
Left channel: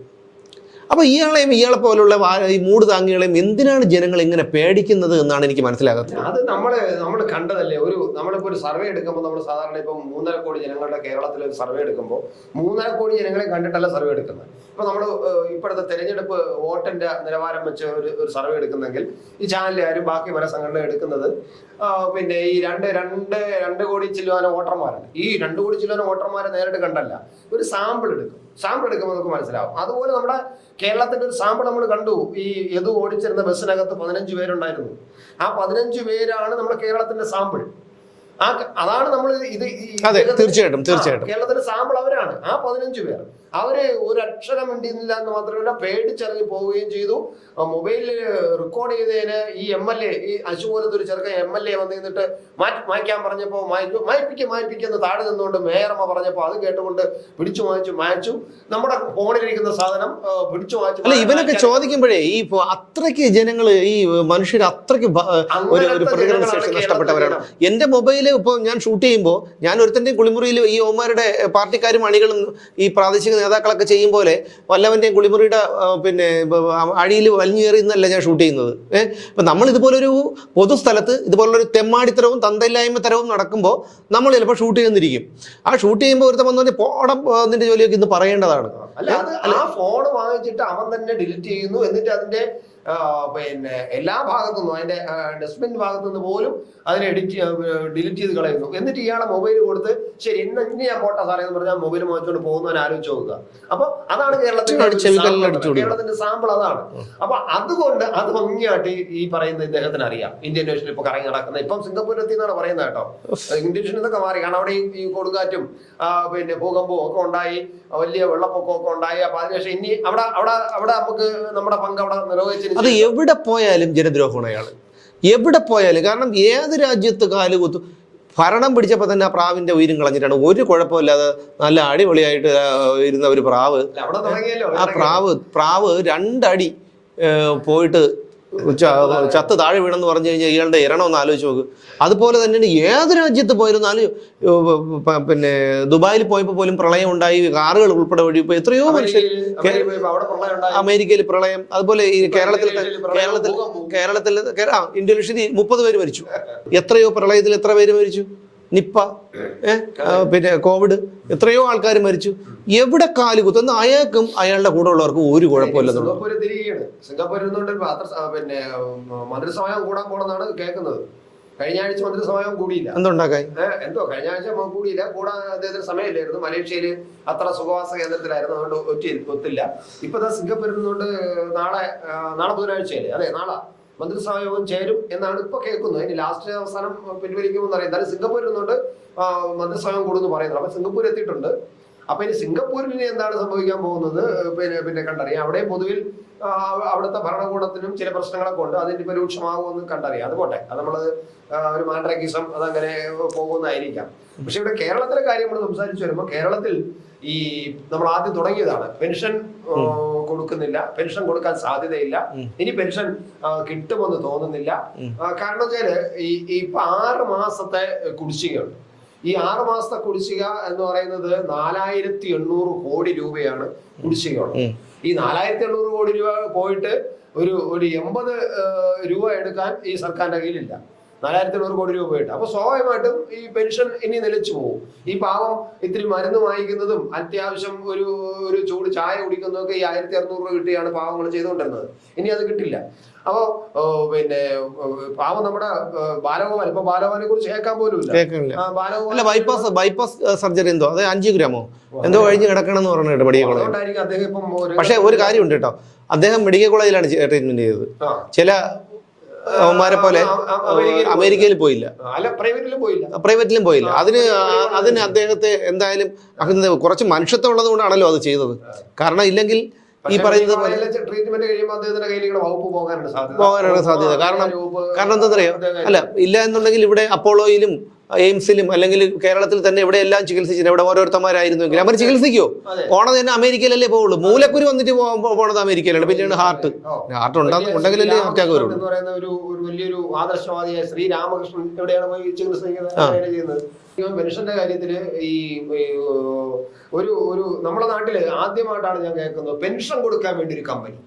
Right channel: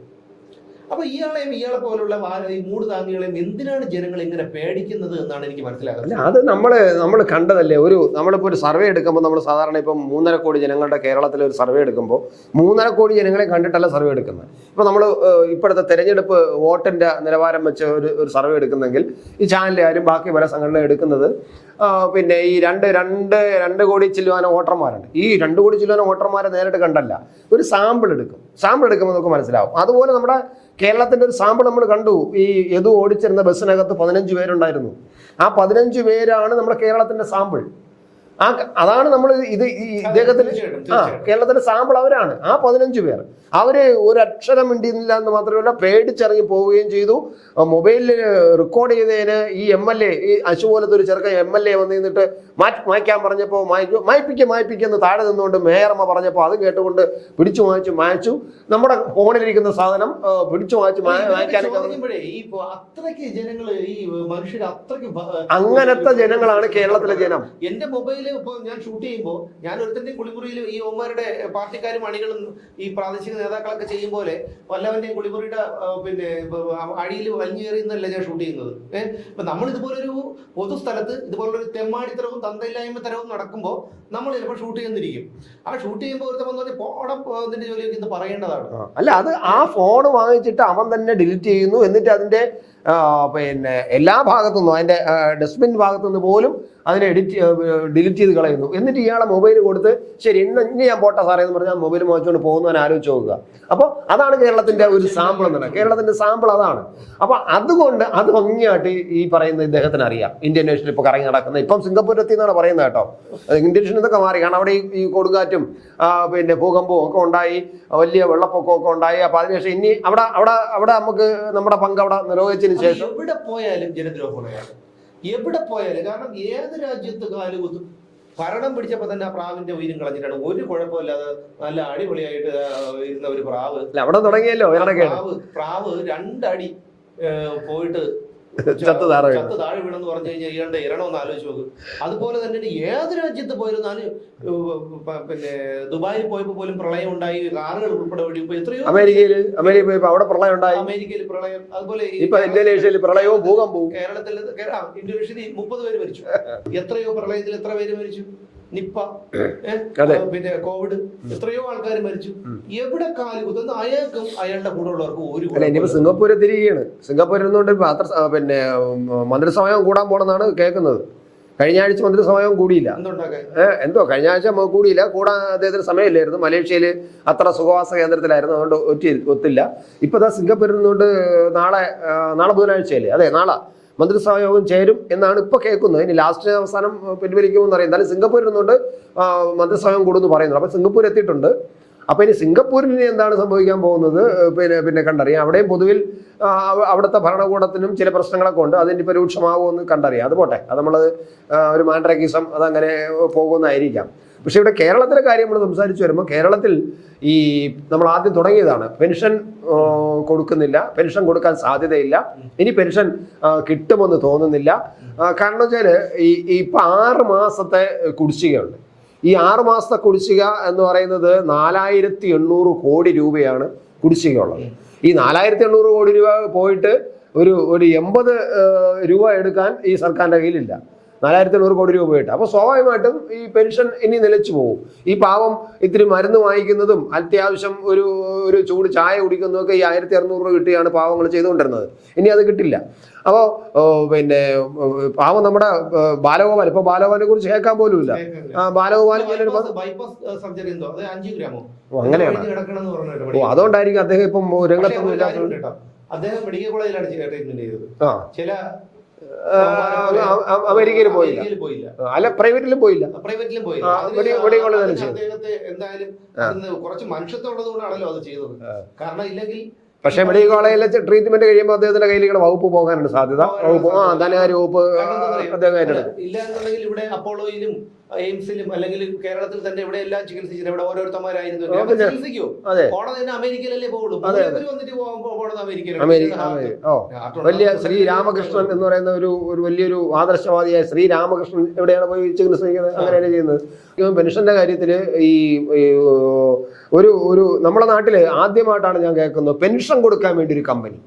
അപ്പൊ ഇയാളെയും ഇയാളെ പോലുള്ള ഈ മൂട് താങ്ങികളെയും എന്തിനാണ് ജനങ്ങൾ ഇങ്ങനെ പേടിക്കുന്നത് എന്നാണ് എനിക്ക് മനസ്സിലാകുന്നത്. അത് നമ്മൾ നമ്മൾ കണ്ടതല്ലേ ഒരു നമ്മളിപ്പോ ഒരു സർവേ എടുക്കുമ്പോൾ നമ്മൾ സാധാരണ ഇപ്പം മൂന്നര കോടി ജനങ്ങളുടെ കേരളത്തിൽ ഒരു സർവേ എടുക്കുമ്പോൾ മൂന്നര കോടി ജനങ്ങളെ കണ്ടിട്ടല്ല സർവേ എടുക്കുന്നത്. ഇപ്പൊ നമ്മൾ ഇപ്പോഴത്തെ തെരഞ്ഞെടുപ്പ് വോട്ടിന്റെ നിലവാരം വെച്ച് ഒരു ഒരു സർവേ എടുക്കുന്നെങ്കിൽ ഈ ചാനലുകാരും ബാക്കി പല സംഘടന എടുക്കുന്നത് പിന്നെ ഈ രണ്ട് രണ്ട് രണ്ട് കോടി ചില്ലുവാന വോട്ടർമാരുണ്ട്. ഈ രണ്ട് കോടി ചില്ലുവാന വോട്ടർമാരെ നേരിട്ട് കണ്ടല്ല ഒരു സാമ്പിൾ എടുക്കും. സാമ്പിൾ എടുക്കുമ്പോൾ നമുക്ക് മനസ്സിലാവും. അതുപോലെ നമ്മുടെ കേരളത്തിന്റെ ഒരു സാമ്പിൾ നമ്മൾ കണ്ടു. ഈ യദു ഓടിച്ചിരുന്ന ബസ്സിനകത്ത് പതിനഞ്ച് പേരുണ്ടായിരുന്നു. ആ പതിനഞ്ച് പേരാണ് നമ്മുടെ കേരളത്തിന്റെ സാമ്പിൾ. ആ അതാണ് നമ്മൾ ഇത് തീർച്ചയായിട്ടും തീർച്ചയായിട്ടും. കേരളത്തിന്റെ സാമ്പിൾ അവരാണ്. ആ പതിനഞ്ച് പേർ. അവർ ഒരു അക്ഷരം മിണ്ടിയില്ല എന്ന് മാത്രമല്ല പേടിച്ചിറങ്ങി പോവുകയും ചെയ്തു. മൊബൈലിൽ റെക്കോർഡ് ചെയ്തതിന് ഈ എം എൽ എ ഈ അശു പോലത്തെ ഒരു ചെറുക്കൻ എം എൽ എ വന്ന് നിന്നിട്ട് മാറ്റി മായ്ക്കാൻ പറഞ്ഞപ്പോൾ മായ്ച്ചു മായ്പ്പിക്കുക മായ്പിക്കുന്ന താഴെ നിന്നുകൊണ്ട് മേയറമ്മ പറഞ്ഞപ്പോൾ അത് കേട്ടുകൊണ്ട് പിടിച്ചു മായ്ച്ചു മായ്ച്ചു. നമ്മുടെ ഫോണിലിരിക്കുന്ന സാധനം പിടിച്ചു മായ്ച്ചു ഇവനൊക്കെ ചോദിക്കുമ്പോഴേ ഈ അത്രയ്ക്ക് അത്രയ്ക്ക് ജനങ്ങൾ ഈ മനുഷ്യർ അത്രയ്ക്ക് അങ്ങനത്തെ ജനങ്ങളാണ് pronunciation എന്റെ നഷ്ടപ്പെട്ടവരാണ് എന്റെ ഞാൻ ഷൂട്ട് ചെയ്യുമ്പോൾ ഞാൻ ഒരുത്തന്റെയും കുളിമുറിയിൽ ഈ ഓമാരുടെ പാർട്ടിക്കാരും അണികളും ഈ പ്രാദേശിക നേതാക്കളൊക്കെ ചെയ്യും പോലെ വല്ലവന്റെയും കുളിമുറിയുടെ പിന്നെ അഴിയിൽ വലിഞ്ഞു കയറി എന്നല്ല ഞാൻ ഷൂട്ട് ചെയ്യുന്നത്. ഏഹ് ഇപ്പം നമ്മൾ ഇതുപോലൊരു പൊതുസ്ഥലത്ത് ഇതുപോലൊരു തെമ്മാടിത്തരവും തന്തയില്ലായ്മ തരവും നടക്കുമ്പോൾ നമ്മൾ ചിലപ്പോൾ ഷൂട്ട് ചെയ്യുന്നിരിക്കും ആ ഷൂട്ട് ചെയ്യുമ്പോൾ ഒരുത്തം വന്നു പോടം അതിന്റെ ജോലിയൊക്കെ ഇന്ന് പറയേണ്ടതാണ്. അല്ല അത് ആ ഫോൺ വാങ്ങിച്ചിട്ട് അവൻ തന്നെ ഡിലീറ്റ് ചെയ്യുന്നു. എന്നിട്ട് അതിന്റെ പിന്നെ എല്ലാ ഭാഗത്തുനിന്നും അതിന്റെ അതിന്റെ ഡസ്റ്റ്ബിൻ ഭാഗത്തുനിന്ന് പോലും അതിനെ എഡിറ്റ് ഡിലീറ്റ് ചെയ്ത് കളയുന്നു. എന്നിട്ട് ഇയാളെ മൊബൈൽ കൊടുത്ത് ശരി ഇന്ന് ഇനി ഞാൻ പോട്ടെ സാറേ എന്ന് പറഞ്ഞാൽ മൊബൈൽ മോഹിച്ചുകൊണ്ട് പോകുന്നവൻ ആലോചിച്ച് നോക്കുക. അപ്പൊ അതാണ് കേരളത്തിന്റെ. കേരളത്തിന്റെ സാമ്പിൾ അതാണ്. അപ്പൊ അതുകൊണ്ട് അത് ഭംഗിയായിട്ട് ഈ- പറയുന്ന ഇദ്ദേഹത്തിന് അറിയാം. ഇന്ത്യൻ നേഷനിൽ ഇപ്പൊ കറങ്ങി നടക്കുന്നത് ഇപ്പം സിംഗപ്പൂരിൽ എത്തി എന്നാണ് പറയുന്നത് കേട്ടോ. ഇന്ത്യൻ നേഷൻ ഇതൊക്കെ മാറി. കാരണം അവിടെ ഈ- കൊടുങ്കാറ്റും പിന്നെ ഭൂകമ്പവും ഒക്കെ ഉണ്ടായി. വലിയ വെള്ളപ്പൊക്കം ഒക്കെ ഉണ്ടായി. അപ്പൊ അതിനുശേഷം ഇനി അവിടെ അവിടെ അവിടെ നമുക്ക് നമ്മുടെ പങ്ക് അവിടെ നിർവഹിച്ചിരുന്നു എവിടെ പോയാലും ജനദ്രോഹമാണ് അയാൾ എവിടെ പോയാലും കാരണം ഏത് രാജ്യത്ത് കാലുകുത്തു ഭരണം പിടിച്ചപ്പോൾ തന്നെ ആ പ്രാവിന്റെ ഉയരും കളഞ്ഞിട്ടാണ്. ഒരു കുഴപ്പമില്ലാതെ നല്ല അടിപൊളിയായിട്ട് ഇരുന്ന ഒരു പ്രാവ്. അവിടെ തുടങ്ങിയല്ലോ പ്രാവ് പ്രാവ് രണ്ടടി പോയിട്ട് ചത്ത് താഴെ വീണെന്ന് പറഞ്ഞു കഴിഞ്ഞാൽ ഇയാളുടെ ഇരണം ഒന്ന് ആലോചിച്ച് നോക്ക്. അതുപോലെ തന്നെ ഏത് രാജ്യത്ത് പോയാലും നാല് ഏ, പ- പിന്നെ ദുബായിൽ പോയപ്പോൾ പോലും പ്രളയം ഉണ്ടായി കാറുകൾ ഉൾപ്പെടെ വഴി ഇപ്പോൾ എത്രയോ അമേരിക്കയിൽ പ്രളയം അതുപോലെ കേരളത്തിൽ കേരളത്തിൽ ഇന്ത്യയിൽ മുപ്പത് പേര് മരിച്ചു. എത്രയോ പ്രളയത്തിൽ എത്ര പേര് മരിച്ചു? നിപ്പ പിന്നെ കോവിഡ് എത്രയോ ആൾക്കാർ മരിച്ചു. എവിടെ കാൽ കുത്തുന്ന? അയാൾക്കും അയാളുടെ കൂടെ ഉള്ളവർക്കും ഒരു കുഴപ്പമില്ല. സിംഗപ്പൂര് തിരികെയാണ് സിംഗപ്പൂരിൽ നിന്നുകൊണ്ട് മാത്ര പിന്നെ മന്ത്രിസമയം കൂടാൻ പോണെന്നാണ് കേൾക്കുന്നത്. കഴിഞ്ഞ ആഴ്ച മന്ത്രിസമയം കൂടിയില്ല. എന്തുണ്ടാക്കാൻ എന്തോ കഴിഞ്ഞ ആഴ്ച കൂടിയില്ല. കൂടാൻ അദ്ദേഹത്തിന് സമയമില്ലായിരുന്നു. മലേഷ്യയിൽ അത്ര സുഖവാസ കേന്ദ്രത്തിലായിരുന്നു. അതുകൊണ്ട് ഒറ്റ ഒത്തില്ല. ഇപ്പൊ സിംഗപ്പൂരിൽ നിന്നുകൊണ്ട് നാളെ നാളെ ബുധനാഴ്ചയല്ലേ? അതെ നാളെ. മന്ത്രിസഭാ യോഗം ചേരും എന്നാണ് ഇപ്പോൾ കേൾക്കുന്നത്. ഇനി ലാസ്റ്റ് അവസാനം പിൻവലിക്കുമെന്ന് അറിയാം എന്നാലും സിംഗപ്പൂരിൽ നിന്നുകൊണ്ട് മന്ത്രിസഭായോഗം മന്ത്രിസഭാ യോഗം കൂടുമെന്ന് പറയുന്നത് അപ്പൊ സിംഗപ്പൂർ എത്തിയിട്ടുണ്ട്. അപ്പൊ ഇനി സിംഗപ്പൂരിൽ എന്താണ് സംഭവിക്കാൻ പോകുന്നത്? പിന്നെ പിന്നെ കണ്ടറിയാം. അവിടെയും പൊതുവിൽ അവിടുത്തെ ഭരണകൂടത്തിനും ചില പ്രശ്നങ്ങളൊക്കെ ഉണ്ട്. അതിന് ഇപ്പൊ രൂക്ഷമാകുമെന്ന് കണ്ടറിയാം. അത് പോട്ടെ. അത് നമ്മൾ ഒരു മാൻഡ്രാക്കിസം അതങ്ങനെ പോകുന്നതായിരിക്കാം. പക്ഷെ ഇവിടെ കേരളത്തിലെ കാര്യം നമ്മൾ സംസാരിച്ചു വരുമ്പോൾ കേരളത്തിൽ ഈ നമ്മൾ ആദ്യം തുടങ്ങിയതാണ്. പെൻഷൻ കൊടുക്കുന്നില്ല. പെൻഷൻ കൊടുക്കാൻ സാധ്യതയില്ല. ഇനി പെൻഷൻ കിട്ടുമെന്ന് തോന്നുന്നില്ല. കാരണം വെച്ചാൽ ഈ ഈ ഇപ്പൊ ആറ് മാസത്തെ കുടിശ്ശികയുണ്ട്. ഈ ആറ് മാസത്തെ കുടിശ്ശിക എന്ന് പറയുന്നത് നാലായിരത്തി എണ്ണൂറ് കോടി രൂപയാണ് കുടിശ്ശികയുള്ളത്. ഈ നാലായിരത്തി എണ്ണൂറ് കോടി രൂപ പോയിട്ട് ഒരു ഒരു എൺപത് രൂപ എടുക്കാൻ ഈ സർക്കാരിന്റെ കയ്യിലില്ല. നാലായിരത്തി എണ്ണൂറ് കോടി രൂപ കിട്ടും. അപ്പൊ സ്വാഭാവികമായിട്ടും ഈ പെൻഷൻ ഇനി നിലച്ചു പോകും. ഈ പാവം ഇത്തിരി മരുന്ന് വാങ്ങിക്കുന്നതും അത്യാവശ്യം ഒരു ഒരു ചൂട് ചായ കുടിക്കുന്നതും ഒക്കെ ഈ ആയിരത്തി അറുന്നൂറ് രൂപ കിട്ടിയാണ് പാവങ്ങൾ ചെയ്തുകൊണ്ടിരുന്നത്. ഇനി അത് കിട്ടില്ല. അപ്പോൾ പിന്നെ പാവം നമ്മുടെ ബാലഗോപാൽ ഇപ്പൊ ബാലഗോപാലിനെ കുറിച്ച് കേൾക്കാൻ പോലും ഇല്ല. ബാലഗോപാൽ ബൈപ്പാസ് ബൈപ്പാസ് സർജറി എന്തോ? അത് അഞ്ചിയോഗ്രാമോ ഓ, എന്തോ? കഴിഞ്ഞ് കിടക്കണം എന്ന് മെഡിക്കൽ അതുകൊണ്ടായിരിക്കും അദ്ദേഹം ഇപ്പം പക്ഷെ ഒരു കാര്യമുണ്ട് കേട്ടോ. അദ്ദേഹം മെഡിക്കൽ കോളേജിലാണ് ട്രീറ്റ്മെന്റ് ചെയ്തത്. ചില അവന്മാരെ പോലെ. അമേരിക്കയിൽ പോയില്ല. അല്ല പ്രൈവറ്റിലും പോയില്ല. പ്രൈവറ്റിലും പോയില്ല. അതിന് അതിന് അദ്ദേഹത്തെ എന്തായാലും അതിന് കുറച്ച് മനുഷ്യത്വം ഉള്ളത് കൊണ്ടാണല്ലോ അത് ചെയ്തത്. കാരണം ഇല്ലെങ്കിൽ പക്ഷേ ട്രീറ്റ്മെന്റ് കഴിയുമ്പോൾ അദ്ദേഹത്തിന്റെ കയ്യിലേക്ക് വകുപ്പ് പോകാനാണ് സാധ്യത. പോകാനാണ് സാധ്യത. കാരണം- കാരണം എന്താണെന്നറിയോ അല്ല ഇല്ല എന്നുണ്ടെങ്കിൽ ഇവിടെ അപ്പോളോയിലും എയിംസിലും അല്ലെങ്കിൽ കേരളത്തിൽ തന്നെ ഇവിടെ എല്ലാം ചികിത്സിച്ചില്ല ഇവിടെ ഓരോരുത്തന്മാരായിരുന്നുവെങ്കിൽ അവർ ചികിത്സിക്കോ. പോണത് തന്നെ അമേരിക്കയിലല്ലേ പോവുള്ളൂ. മൂലക്കുരു വന്നിട്ട് പോണത് അമേരിക്കയിലാണ്. പിന്നെയാണ് ഹാർട്ട് ഹാർട്ട് ഉണ്ടാകും. എന്ന് പറയുന്ന ഒരു വലിയൊരു ആദർശവാദിയായ ശ്രീ രാമകൃഷ്ണൻ എവിടെയാണ് പോയി ചികിത്സിക്കുന്നത്? അങ്ങനെയാണ് ചെയ്യുന്നത്. പെൻഷന്റെ കാര്യത്തിൽ ഈ ഒരു ഒരു നമ്മുടെ നാട്ടിൽ ആദ്യമായിട്ടാണ് ഞാൻ കേൾക്കുന്നത് പെൻഷൻ കൊടുക്കാൻ വേണ്ടി ഒരു കമ്പനി.